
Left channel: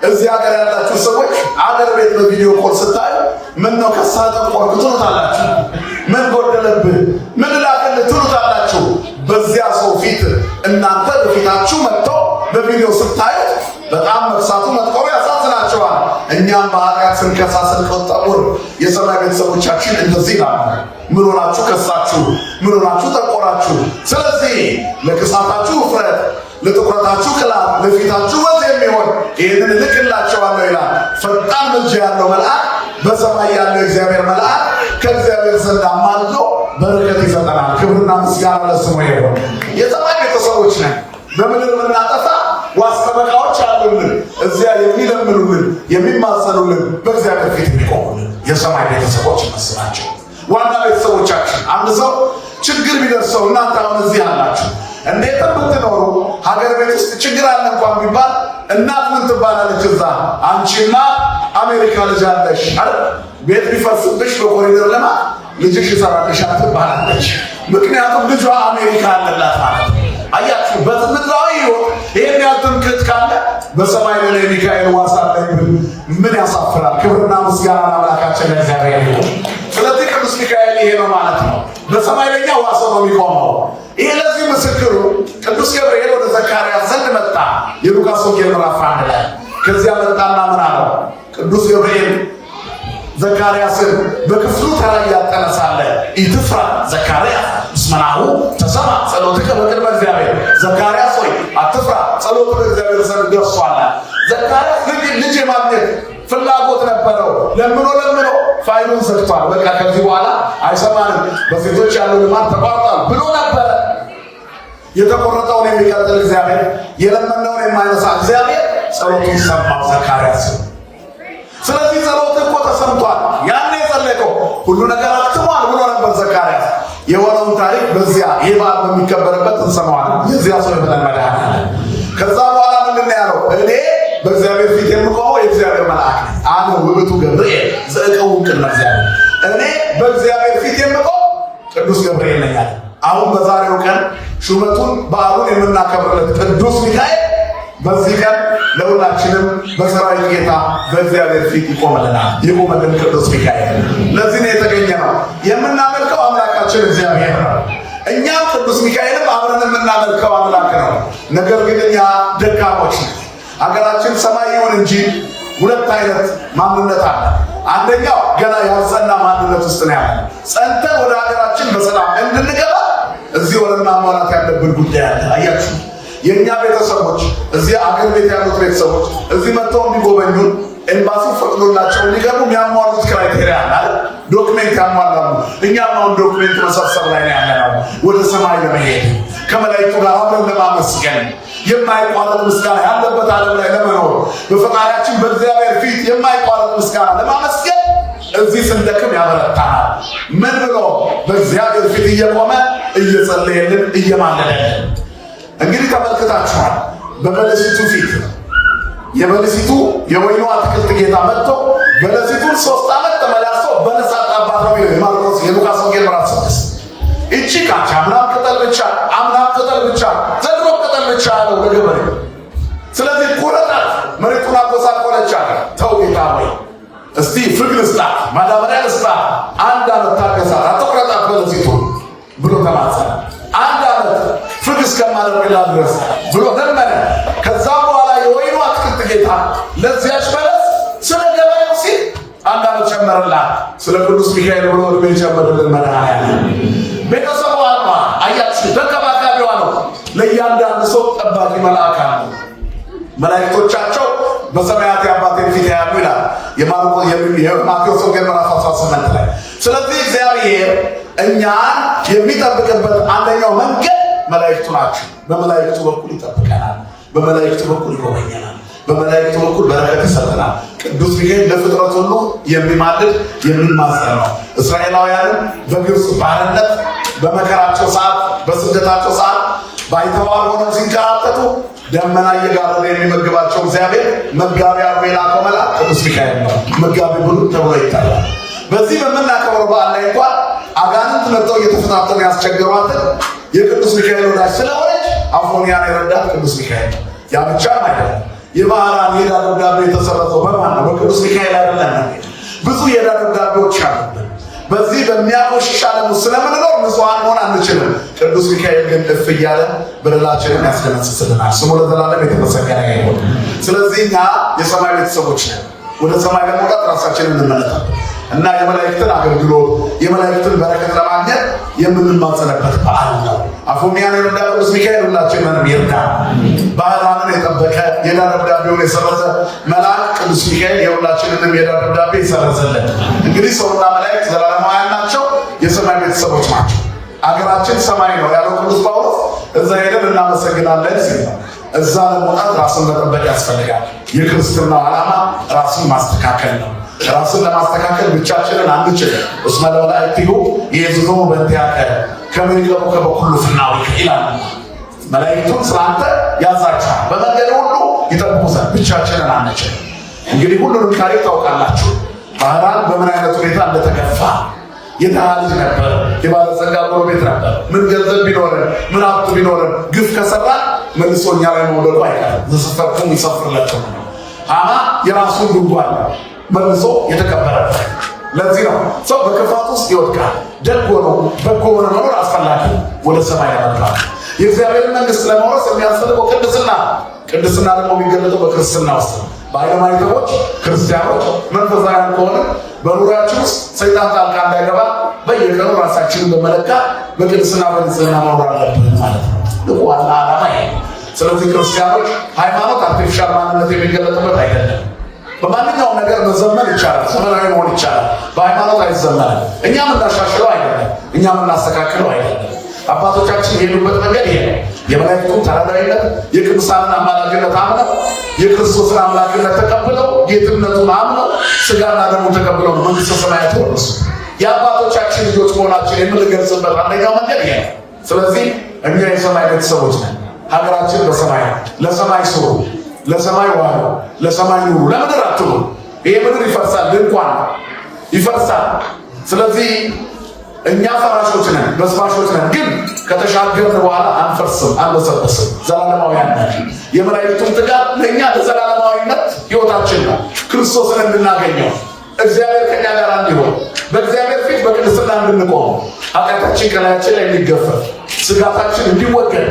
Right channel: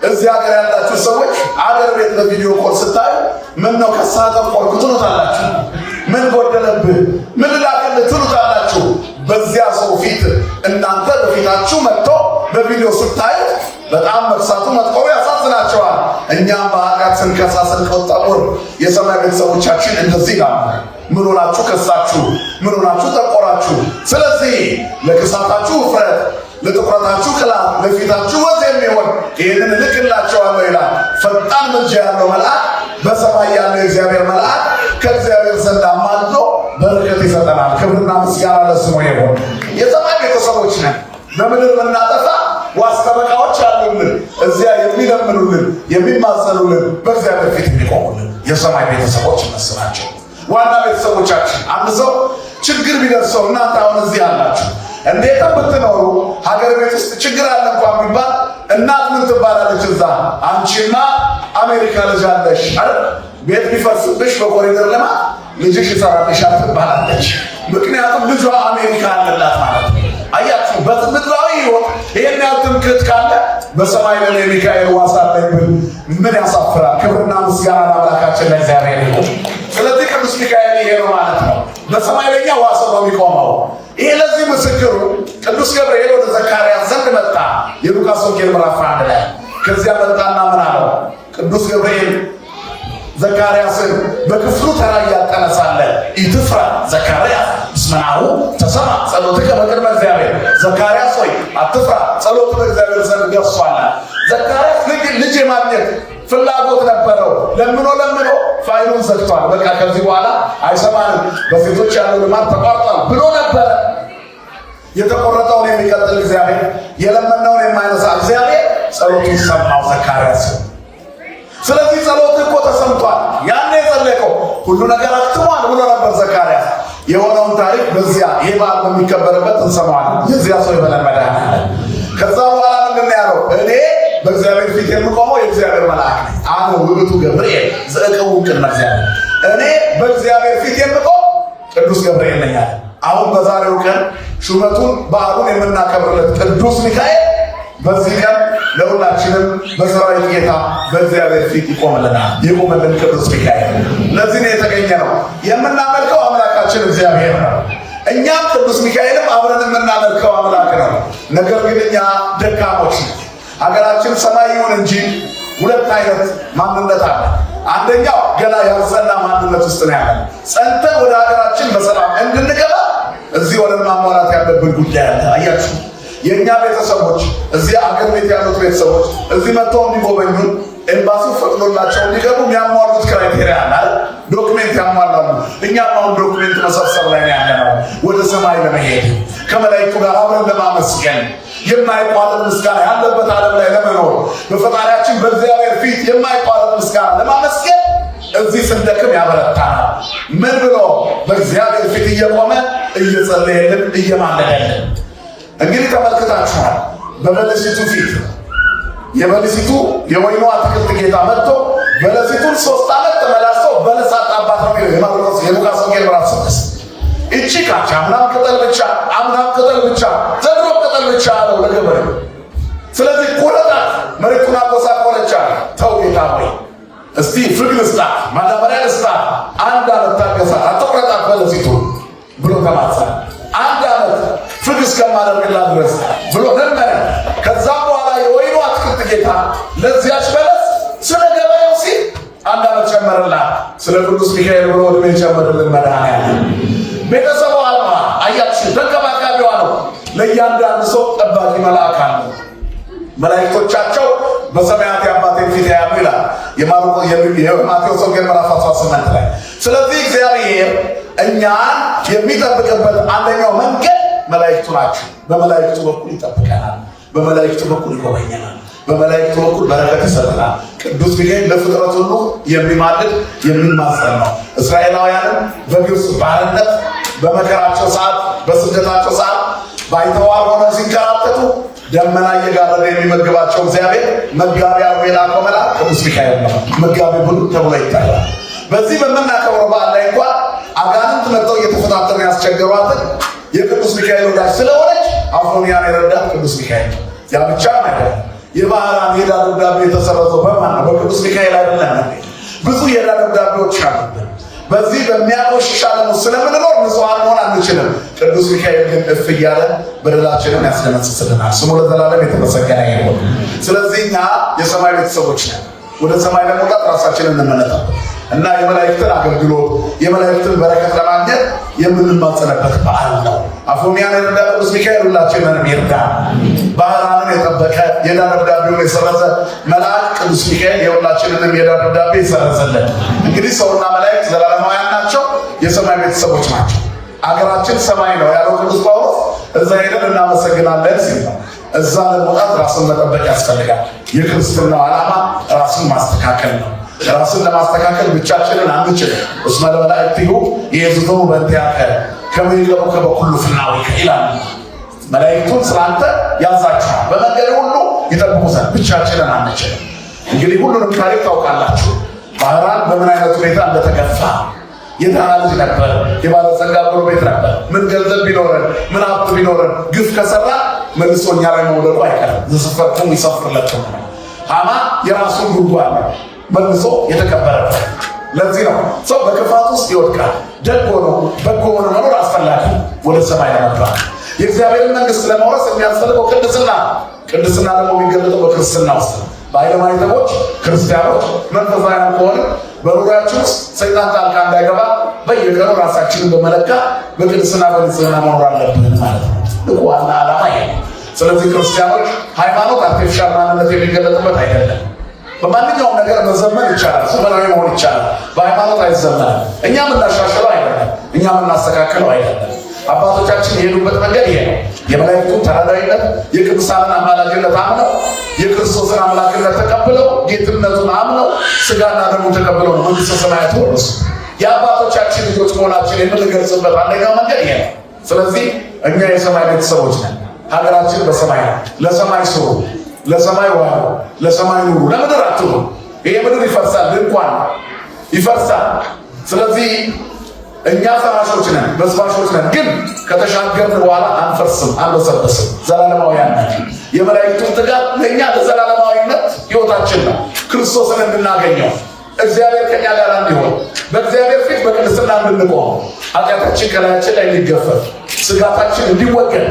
እዚህ ሀገር ያላችሁ ሰዎች አገር ቤት በቪዲዮ ኮል ስታዩ ምን ነው ከሳተም ቆርኩ ትሉታላችሁ። ምን ጎደለብህ ምን ላክልህ ትሉታላችሁ። በዚያ ሰው ፊት እናንተ በፊታችሁ መጥቶ በቪዲዮ ስታዩ በጣም መርሳቱ መጥቆሩ ያሳዝናቸዋል። እኛም በኃጢአት ስንከሳ ስንቆጠቁር የሰማይ ቤተሰቦቻችን እንደዚህ ይላሉ። ምን ሆናችሁ ከሳችሁ? ምን ሆናችሁ ጠቆራችሁ? ስለዚህ ለክሳታችሁ ውፍረት፣ ለጥቁረታችሁ ቅላት፣ ለፊታችሁ ወዝ የሚሆን ይህንን እልክላቸዋለሁ ይላል። ፈጣን ምልጃ ያለው መልአክ በሰማይ ያለው የእግዚአብሔር መልአክ ከእግዚአብሔር ዘንድ አማልዶ በረከት ይሰጠናል። ክብርና ምስጋና ለስሙ ይሁን። የሰማይ ቤተሰቦች ነን። በምድር የምናጠፋ ዋስተበቃዎች አሉልን፣ እዚያ የሚለምኑልን የሚማጸኑልን፣ በእግዚአብሔር ፊት የሚቆሙልን የሰማይ ቤተሰቦች መስላቸው። ዋና ቤተሰቦቻችን አንድ ሰው ችግር ቢደርሰው እናንተ አሁን እዚህ አላችሁ እንዴት ብትኖሩ ሀገር ቤት ውስጥ ችግር አለ እንኳን ቢባል እናት ምን ትባላለች? እዛ አንቺና አሜሪካ ልጅ አለሽ አይደል? ቤት ቢፈርስብሽ በኮሪደር ልማት ልጅሽ ይሰራልሻል ትባላለች። ምክንያቱም ልጇ አሜሪካ አለላት ማለት ነው። አያችሁ በምድራዊ ሕይወት ይሄን ያህል ትምክህት ካለ በሰማይ ለኔ ሚካኤል ዋስ አለኝ ምን ያሳፍራል? ክብርና ምስጋና ለአምላካችን ለእግዚአብሔር ይሁን። ስለዚህ ቅዱስ ሚካኤል ይሄ ነው ማለት ነው። በሰማይ ለኛ ዋስ ነው የሚቆመው። ይሄ ለዚህ ምስክሩ ቅዱስ ገብርኤል ወደ ዘካርያስ ዘንድ መጣ። የሉቃስ ወንጌል ምዕራፍ 1 ላይ ከዚያ መጣና ምን አለው? ቅዱስ ገብርኤል ዘካርያስን በክፍሉ ተራይ ያጠነሳለ ኢትፍራ ዘካርያስ እስመናሁ ተሰማ ጸሎትከ በቅድመ እግዚአብሔር። ዘካርያስ ሆይ አትፍራ፣ ጸሎቱ በእግዚአብሔር ዘንድ ደርሷል። ዘካርያስ ልጅ የማግኘት ፍላጎት ነበረው። ለምኖ ፋይሉን ዘግቷል። በቃ ከዚህ በኋላ አይሰማንም፣ በሴቶች ያለው ልማት ተቋርጧል ብሎ ነበር። የተቆረጠውን የሚቀጥል እግዚአብሔር፣ የለመነውን የማይነሳ እግዚአብሔር ጸሎቱን ሰማው ዘካርያስ። ስለዚህ ጸሎት እኮ ተሰምቷል። ያኔ የጸለቀው ሁሉ ነገር አትሟል ብሎ ነበር ዘካርያስ። የሆነውን ታሪክ በዚያ ይህ በዓል በሚከበርበት እንሰማዋለን። የዚያ ሰው የተለመደ ከዛ በኋላ ምንድን ያለው? እኔ በእግዚአብሔር ፊት የምቆመው የእግዚአብሔር መልአክ ነኝ። አነ ውእቱ ገብርኤል ዘእቀውም ቅድመ እግዚአብሔር። እኔ በእግዚአብሔር ፊት የምቆም ቅዱስ ገብርኤል ነኝ። አሁን በዛሬው ቀን ሹመቱን በዓሉን የምናከብርለት ቅዱስ ሚካኤል በዚህ ቀን ለሁላችንም በሰራዊት ጌታ በእግዚአብሔር ፊት ይቆምልናል። ይቆምልን ቅዱስ ሚካኤል። ለዚህ ነው የተገኘ ነው የምናመልከው አምላካችን እግዚአብሔር ነው። እኛም ቅዱስ ሚካኤልም አብረን የምናመልከው አምላክ ነው። ነገር ግን እኛ ደካሞች ነን። ሀገራችን ሰማይ ይሁን እንጂ ሁለት አይነት ማንነት አለ። አንደኛው ገና ያልጸና ማንነት ውስጥ ነው ያለ። ጸንተን ወደ ሀገራችን በሰላም እንድንገባ እዚህ ወደ ማሟላት ያለብን ጉዳይ አለ። አያችሁ የእኛ ቤተሰቦች እዚህ አገር ቤት ያሉት ቤተሰቦች እዚህ መጥተው እንዲጎበኙን ኤምባሲ ፈቅዶላቸው እንዲገቡ የሚያሟሉት ክራይቴሪያ አለ። ዶክሜንት ያሟላሉ። እኛም አሁን ዶክሜንት መሰብሰብ ላይ ያለነው ወደ ሰማይ ለመሄድ ከመላእክቱ ጋር አብረን ለማመስገን የማይቋረጥ ምስጋና ያለበት ዓለም ላይ ለመኖር በፈጣሪያችን በእግዚአብሔር ፊት የማይቋረጥ ምስጋና ለማመስገን እዚህ ስንደክም ያበረታናል። ምን ብሎ በእግዚአብሔር ፊት እየቆመ እየጸለየልን እየማለደልን። እንግዲህ ተመልክታችኋል። በበለሲቱ ፊት የበለሲቱ የወይኑ አትክልት ጌታ መጥቶ በለሲቱን 3 ዓመት ተመላልሶ በለስ አጣባት ነው የሚለው የማርቆስ የሉቃስ ወንጌል ምዕራፍ 6። እቺ ካቻ አምናም ቅጠል ብቻ ዘንድሮ ቅጠል ብቻ አለው ለገበሬው። ስለዚህ ቁረጣት፣ መሬቱን አቆሳቆለቻ። ተው ጌታ ሆይ እስቲ ፍግ ልስጣት፣ ማዳበሪያ ልስጣት፣ 1 ዓመት ታገሳት፣ አትቁረጣት በለሲቱን ብሎ ተማጸነ። 1 ዓመት ፍግ እስከማደርግላት ድረስ ብሎ ለመነ። ከዛ በኋላ የወይኑ አትክልት ጌታ ለዚያች በለስ ስለ ገበሬው ሲል 1 ዓመት ጨመረላት። ስለ ቅዱስ ሚካኤል ብሎ ዕድሜ ጨመረልን መድኃኒዓለም። ቤተሰቡ አልማ አያችሁ፣ ተንከባካቢዋ ነው። ለእያንዳንዱ ሰው ጠባቂ መልአክ አለ። መላእክቶቻቸው በሰማያት የአባቴን ፊት ያያሉ ይላል የማቴዎስ ወንጌል ምዕራፍ 18 ላይ። ስለዚህ እግዚአብሔር እኛን የሚጠብቅበት አንደኛው መንገድ መላእክቱ ናቸው። በመላእክቱ በኩል ይጠብቀናል፣ በመላእክቱ በኩል ይጎበኘናል፣ በመላእክቱ በኩል በረከት ይሰጠናል። ቅዱስ ሚካኤል ለፍጥረት ሁሉ የሚማልድ የሚማጸን ነው። እስራኤላውያንም በግብፅ ባርነት በመከራቸው ሰዓት በስደታቸው ሰዓት ባይተዋር ሆነው ሲንከራተቱ ደመና እየጋረደ የሚመግባቸው እግዚአብሔር መጋቢ አድርጎ የላከው መልአክ ቅዱስ ሚካኤል ነው። መጋቢ ብሉዕ ተብሎ ይታያል። በዚህ በምናከብረው በዓል ላይ እንኳን አጋንንት መጥተው እየተፈታተኑ ያስቸገሯትን የቅዱስ ሚካኤል ወዳጅ ስለሆነች አፎምያን የረዳት ቅዱስ ሚካኤል ነው። ያ ብቻ አይደለም። የባህራን የዕዳ ደብዳቤ የተሰረዘው በማን ነው? በቅዱስ ሚካኤል አይደለም። ብዙ የዕዳ ደብዳቤዎች አሉ። በዚህ በሚያቆሽሽ ዓለም ውስጥ ስለምንኖር ንጹሐን መሆን አንችልም። ቅዱስ ሚካኤል ግን እፍ እያለ በደላችንን ያስደመስስልናል። ስሙ ለዘላለም የተመሰገነ ይሁን። ስለዚህ እኛ የሰማይ ቤተሰቦች ነን። ወደ ሰማይ ለመውጣት ራሳችንን እንመለከት እና የመላእክትን አገልግሎት የመላእክትን በረከት ለማግኘት የምንማጸንበት በዓል ነው። አፎምያን የረዳ ቅዱስ ሚካኤል ሁላችንንም ይርዳ። ባህራንን የጠበቀ የዕዳ ደብዳቤውን የሰረዘ መልአክ ቅዱስ ሚካኤል የሁላችንንም የዕዳ ደብዳቤ ይሰረዝልን። እንግዲህ ሰውና መላእክት ዘላለማውያን ናቸው፣ የሰማይ ቤተሰቦች ናቸው። አገራችን ሰማይ ነው ያለው ቅዱስ ጳውሎስ እዛ ሄደን እናመሰግናለን ሲል እዛ ለመውጣት ራስን መጠበቅ ያስፈልጋል። የክርስትናው ዓላማ ራስን ማስተካከል ነው። ራስን ለማስተካከል ብቻችንን አንችልም። እስመ ለመላእክቲሁ ይእዝዙ በእንቲአከ ከመ ይቅረቡከ በኩሉ ፍናዊከ ይላል። መላእክቱን ስላንተ ያዛችኋል፣ በመንገድ ሁሉ ይጠብቁ ዘንድ ብቻችንን አንችልም። እንግዲህ ሁሉንም ታሪክ ታውቃላችሁ። ባህራን በምን አይነት ሁኔታ እንደተገፋ የድሃ ልጅ ነበር፣ የባለጸጋ ጎረቤት ነበር። ምን ገንዘብ ቢኖረን ምን ሀብት ቢኖረን ግፍ ከሰራ መልሶ እኛ ላይ መውለዱ አይቀርም። ዝስፈቱም ይሰፍርላቸው። ሐማ የራሱን ጉድጓድ መልሶ የተቀበረበት። ለዚህ ነው ሰው በክፋት ውስጥ ይወድቃል። ደግ ሆኖ በጎ ሆኖ መኖር አስፈላጊ ወደ ሰማይ ያመጣል። የእግዚአብሔርን መንግስት ለመውረስ የሚያስፈልገው ቅድስና። ቅድስና ደግሞ የሚገለጠው በክርስትና ውስጥ በሃይማኖቶች ክርስቲያኖች መንፈሳውያን ከሆነ በኑሯችን ውስጥ ሰይጣን ጣልቃ እንዳይገባ በየቀኑ ራሳችንን በመለካት በቅድስና በንጽህና መኖር አለብን ማለት ነው። ዋና ዓላማ ይሄ። ስለዚህ ክርስቲያኖች ሃይማኖት አርቲፊሻል ማንነት የሚገለጥበት አይደለም። በማንኛውም ነገር መዘመን ይቻላል፣ ሰማያዊ መሆን ይቻላል። በሃይማኖት አይዘመንም። እኛ የምናሻሽለው አይደለም፣ እኛ የምናስተካክለው አይደለም። አባቶቻችን የሄዱበት መንገድ ይሄ ነው። የመላእክቱን ተራዳኢነት የቅዱሳንን አማላጅነት አምነው የክርስቶስን አምላክነት ተቀብለው ጌትነቱን አምነው ስጋና ደሙን ተቀብለው መንግሥተ ሰማያት ወረሱ። የአባቶቻችን ልጆች መሆናችን የምንገልጽበት አንደኛው መንገድ ይሄ ነው። ስለዚህ እኛ የሰማይ ቤተሰቦች ነን። ሀገራችን በሰማይ ነው። ለሰማይ ስሩ፣ ለሰማይ ዋሉ፣ ለሰማይ ኑሩ፣ ለምድር አትሩ። ይሄ ምድር ይፈርሳል፣ ድንኳን ይፈርሳል። ስለዚህ እኛ ፈራሾች ነን፣ በስባሾች ነን። ግን ከተሻገርን በኋላ አንፈርስም፣ አንበሰበስም። ዘላለማውያን ነን። የመላእክቱን ትጋት ለእኛ ለዘላለማዊነት ሕይወታችን ነው። ክርስቶስን እንድናገኘው እግዚአብሔር ከኛ ጋር እንዲሆን በእግዚአብሔር ፊት በቅድስና እንድንቆም ኃጢአታችን ከላያችን ላይ እንዲገፈፍ ስጋታችን እንዲወገድ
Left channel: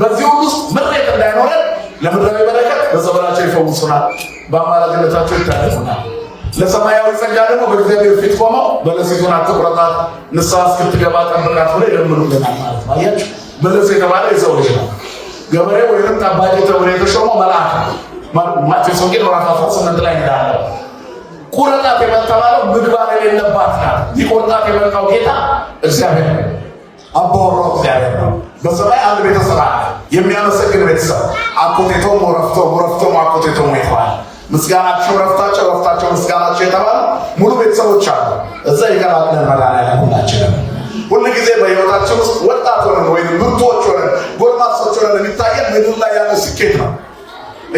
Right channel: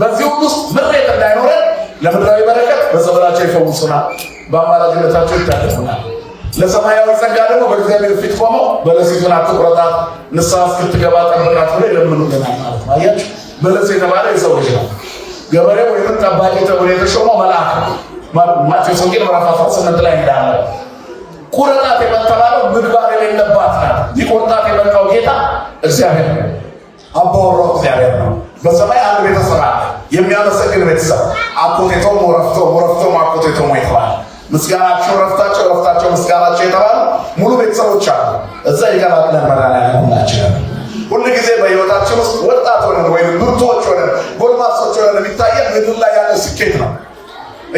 በዚህ ሁሉ ውስጥ ምሬት እንዳይኖረን ለምድራዊ በረከት በጸበላቸው ይፈውሱናል፣ በአማላጅነታቸው ይታደጉናል። ለሰማያዊ ጸጋ ደግሞ በእግዚአብሔር ፊት ቆመው በለሲቱን አትቁረጣት ንስሐ እስክትገባ ጠብቃት ብሎ ይለምኑልናል ማለት ነው። አያችሁ፣ በለስ የተባለ የሰው ልጅ ነው። ገበሬ ወይም ጠባቂ ተብሎ የተሾመው መልአክ ነው። ማቴዎስ ወንጌል ምዕራፍ 18 ላይ እንዳለ ቁረጣት የምትባለው ምግባር የሌለባት ናት። ሊቆርጣት የመጣው ጌታ እግዚአብሔር ነው። አባወራው እግዚአብሔር ነው። በሰማይ አንድ ቤተሰብ አለ፣ የሚያመሰግን ቤተሰብ። አኮቴቶም ወረፍቶም አኮቴቶም የተባለ ምስጋናቸው ረፍታቸው፣ ረፍታቸው ምስጋናቸው የተባለ ሙሉ ቤተሰቦች አሉ። እዛ ይገራለን መድኃኒዓለም ሁላችንም ሁል ጊዜ በሕይወታችን ውስጥ ወጣት ሆነን ወይም ብርቱዎች ሆነን ጎልማሶች ሆነን የሚታየን ምድር ላይ ያለ ስኬት ነው።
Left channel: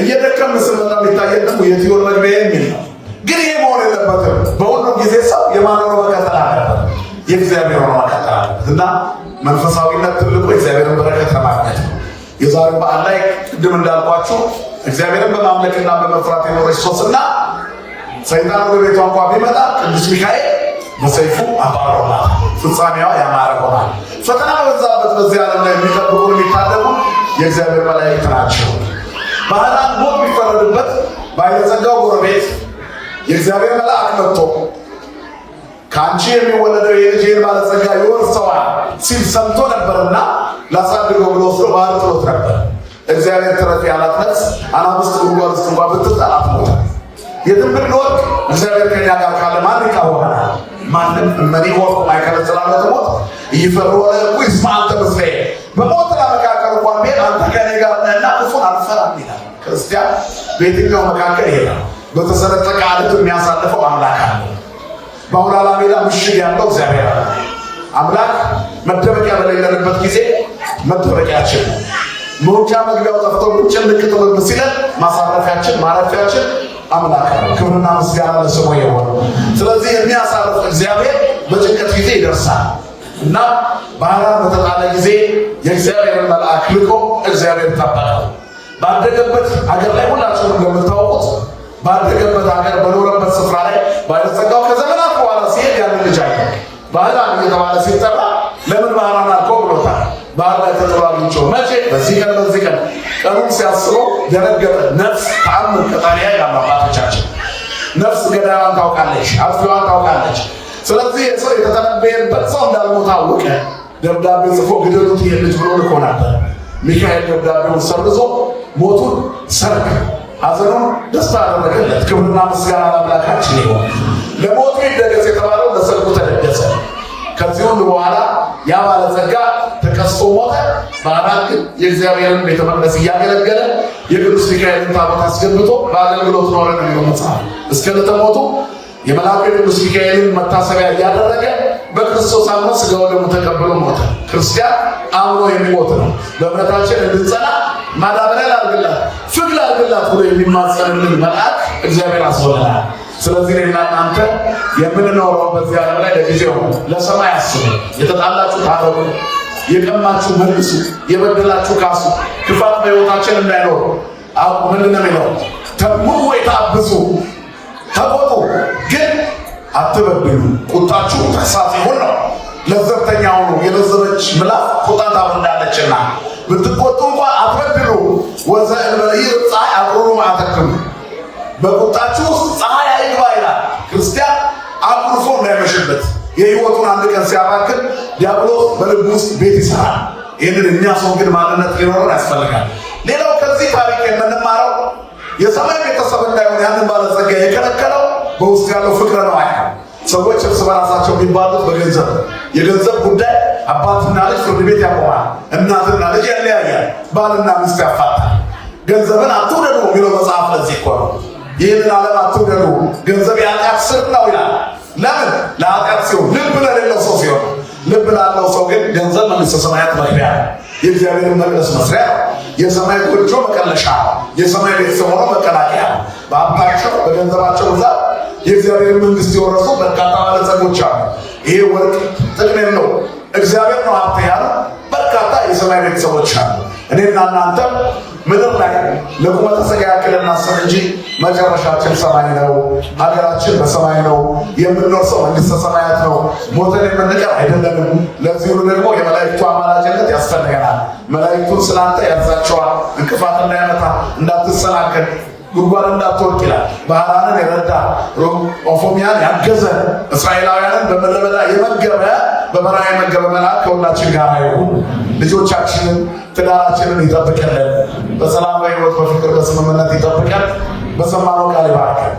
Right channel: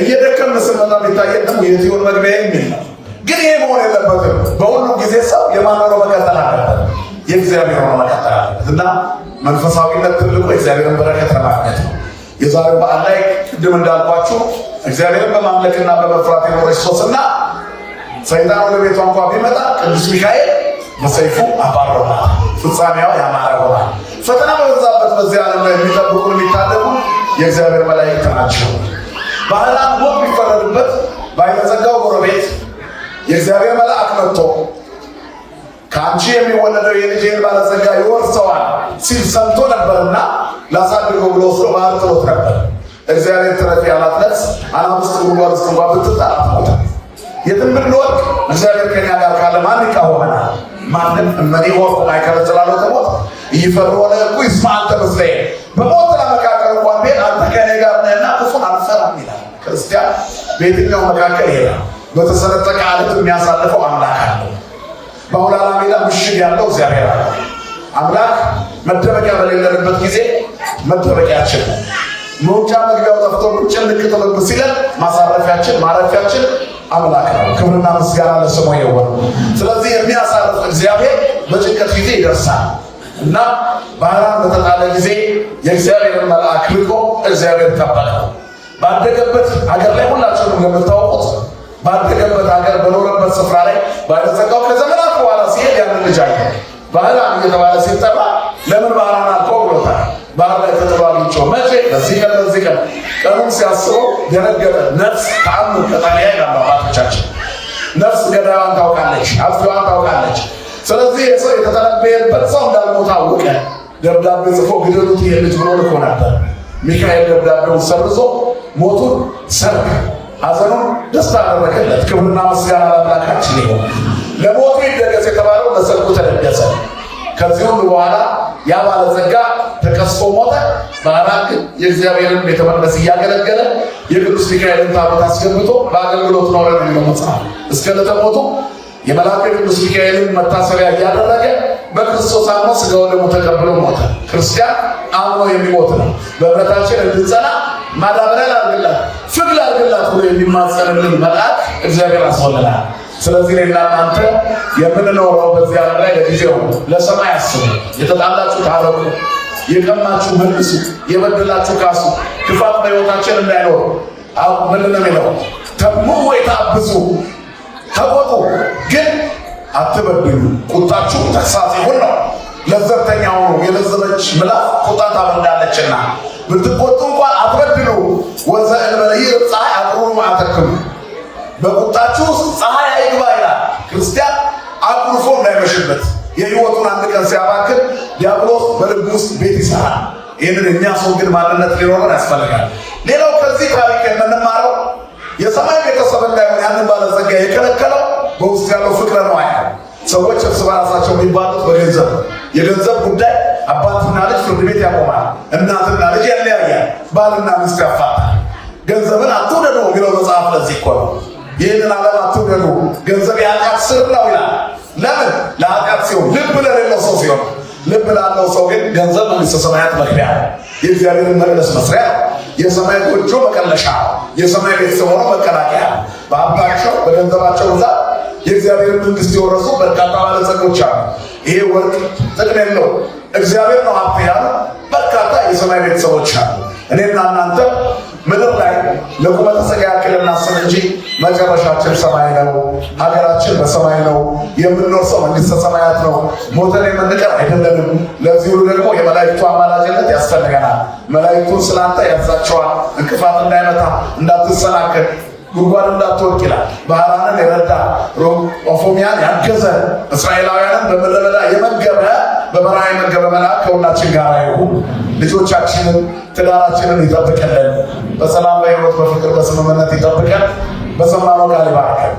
እየደከምን ስንመጣ የሚታየን ደግሞ የትዮን መግቢያ የሚል ነው። ግን ይሄ መሆን የለበትም። በሁሉም ጊዜ ሰው የማኖር መቀጠል አለበት፣ የእግዚአብሔር ሆኖ መቀጠል አለበት እና መንፈሳዊነት ትልቁ የእግዚአብሔርን በረከት ለማግኘት ነው። የዛሬው በዓል ላይ ቅድም እንዳልኳችሁ እግዚአብሔርን በማምለክና በመፍራት የኖረች ሶስና ሰይጣን ወደ ቤቷ እንኳ ቢመጣ ቅዱስ ሚካኤል በሰይፉ አባሮናል። ፍጻሜዋ ያማረ ሆናል። ፈተና በበዛበት በዚህ ዓለም ላይ የሚጠብቁን የሚታደጉ የእግዚአብሔር መላእክት ናቸው። ባህላን ሞት ቢፈረድበት ባለጸጋው ጎረቤት የእግዚአብሔር መልአክ መጥቶ ከአንቺ የሚወለደው የልጄን ባለጸጋ ይወርሰዋል ሲል ሰምቶ ነበርና ላሳድገው ብሎ ባህር ጥሎት ነበር። እግዚአብሔር ትረፍ ያላት ነፍስ አናብስት ጉድጓድ ውስጥ እንኳ ብትጣል አትሞትም። የትም ብንወድቅ እግዚአብሔር ከኛ ጋር ካለ ማን ይቃወመናል? ማንም እመኒ ሞት አይከለስላለው ተሞት ይፈሩ ለኩ ይስማንተ መስለ በሞት ለመካከል እንኳን ቤት አንተ ከኔ ጋር ነህና ክፉን አልፈራም ይላል። ክርስቲያን በየትኛው መካከል ይሄዳል። በተሰነጠቀ ዓለት የሚያሳልፈው አምላክ አለ። በአውላላ ሜዳ ምሽግ ያለው እግዚአብሔር አለ። አምላክ መደበቂያ በሌለንበት ጊዜ መደበቂያችን፣ መውጫ መግቢያው ጠፍቶ ጭንቅ ጥልብ ሲለን ማሳረፊያችን ማረፊያችን አምላክ ነው። ክብርና ምስጋና ለስሙ ይሁን። ስለዚህ የሚያሳርፍ እግዚአብሔር በጭንቀት ጊዜ ይደርሳል እና ባህራን በተጣለ ጊዜ የእግዚአብሔርን መልአክ ልኮ እግዚአብሔር ታባላል። ባደገበት ሀገር ላይ ሁላችሁም እንደምታውቁት ባደገበት ሀገር በኖረበት ስፍራ ላይ ባለጸጋው ከዘመናት በኋላ ሲሄድ ያንን ልጅ አለ ባህራን እየተባለ ሲጠራ ለምን ባህራን አልከው ብሎታል። ባህር ላይ ተጠራቢቸው መቼ? በዚህ ቀን በዚህ ቀን ቀኑን ሲያስበው ደነገጠ። ነፍስ ተአምር ከጣሊያ ይላሉ አባቶቻችን። ነፍስ ገዳዩን ታውቃለች፣ አጥፊዋን ታውቃለች። ስለዚህ የሰው የተተነበየበት ሰው እንዳልሞት አወቀ። ደብዳቤ ጽፎ ግደሉት ይሄ ልጅ ብሎ ልኮ ነበር። ሚካኤል ደብዳቤውን ሰርዞ ሞቱን ሰርክ ሐዘኑን ደስታ አደረገለት። ክብርና ምስጋና ለአምላካችን ይሁን። ለሞቱ ይደገስ የተባለው ለሰርጉ ተደገሰ። ከዚህ ሁሉ በኋላ ያ ባለጸጋ ተቀስፎ ሞተ። ባህራን ግን የእግዚአብሔርን ቤተ መቅደስ እያገለገለ የቅዱስ ሚካኤልን ታቦት አስገብቶ በአገልግሎት ኖረ ነው የሚመጽሐፍ። እስከ ዕለተ ሞቱ የመልአኩ የቅዱስ ሚካኤልን መታሰቢያ እያደረገ በክርስቶስ አምኖ ሥጋው ደሙ ተቀብሎ ሞተ። ክርስቲያን አምኖ የሚሞት ነው። በእምነታችን እንድንጸና ማዳበሪያ ላድርግላት፣ ፍግ ላድርግላት ብሎ የሚማጸንልን መልአክ እግዚአብሔር አስወለናል። ስለዚህ እናንተ የምንኖረው በዚህ ዓለም ላይ ለጊዜው ለሰማይ አስቡ። የተጣላችሁ ታረቁ፣ የቀማችሁ መልሱ፣ የበደላችሁ ካሱ። ክፋት በሕይወታችን እንዳይኖር ምን ነው የሚለው? ተግሙሩ ወይታብሱ፣ ተቆጡ ግን አትበድሉ። ቁጣችሁ ተግሣጽ ይሁን ነው። ለዘብተኛው ነው የለዘበች ምላስ ቁጣን ታበርዳለችና ብትቆጡ እንኳን አትበድሉ። ወዘእንበለይ ፀሐይ አቁሩ ማዕተክሙ፣ በቁጣችሁ ፀሐይ አይግባ ይላል። ክርስቲያን አቁርፎ እንዳይመሽበት የሕይወቱን አንድ ቀን ሲያባክን ዲያብሎስ በልብ ውስጥ ቤት ይሰራል። ይህንን የሚያስወግድ ማንነት ሊኖረን ያስፈልጋል። ሌላው ከዚህ ታሪክ የምንማረው የሰማይ ቤተሰብ እንዳይሆን ያንን ባለጸጋ የከለከለው በውስጥ ያለው ፍቅረ ነዋይ ነው። ሰዎች እርስ በራሳቸው የሚባሉት በገንዘብ የገንዘብ ጉዳይ አባትና ልጅ ፍርድ ቤት ያቆማል። እናትና ልጅ ያለያያል። ባልና ሚስት ያፋታል። ገንዘብን አትውደዱ የሚለው መጽሐፍ ለዚህ እኮ ነው። ይህንን ዓለም አትውደዱ፣ ገንዘብ የኃጢአት ስር ነው ይላል። ለምን? ለኃጢአት ሲሆን፣ ልብ ለሌለው ሰው ሲሆን። ልብ ላለው ሰው ግን ገንዘብ መንግሥተ ሰማያት መግቢያ፣ የእግዚአብሔርን መቅደስ መስሪያ፣ የሰማይ ጎጆ መቀለሻ፣ የሰማይ ቤተሰብ ሆኖ መቀላቀያ። በሀብታቸው በገንዘባቸው ብዛት የእግዚአብሔር መንግሥት የወረሱ በርካታ ባለጸጎች አሉ። ይሄ ወርቅ ጥቅም የለው፣ እግዚአብሔር ነው ሀብት ያሉ በርካታ የሰማይ ቤተሰቦች አሉ። እኔና እናንተ ምድር ላይ ለቁመተ ሥጋ ያክል እናስብ እንጂ መጨረሻችን ሰማይ ነው። ሀገራችን በሰማይ ነው። የምንኖርሰው መንግሥተ ሰማያት ነው። ሞተን የምንቀር አይደለንም። ለዚህ ሁሉ ደግሞ የመላእክቱ አማላጅነት ያስፈልገናል። መላእክቱን ስላንተ ያዛቸዋል። እንቅፋት እንዳይመታ፣ እንዳትሰናከል፣ ጉድጓድ እንዳትወድቅ ይላል። ባህራንን የረዳ ኦፎሚያን ያገዘ እስራኤላውያንን በምድረ በዳ የመገበ በበረሃ የመገበ መልአክ ከሁላችን ጋር ይሁን። ልጆቻችንን ትዳራችንን ይጠብቅልን። በሰላም በሕይወት በፍቅር በስምምነት ይጠብቀን። በሰማነው ቃል ይባርከን።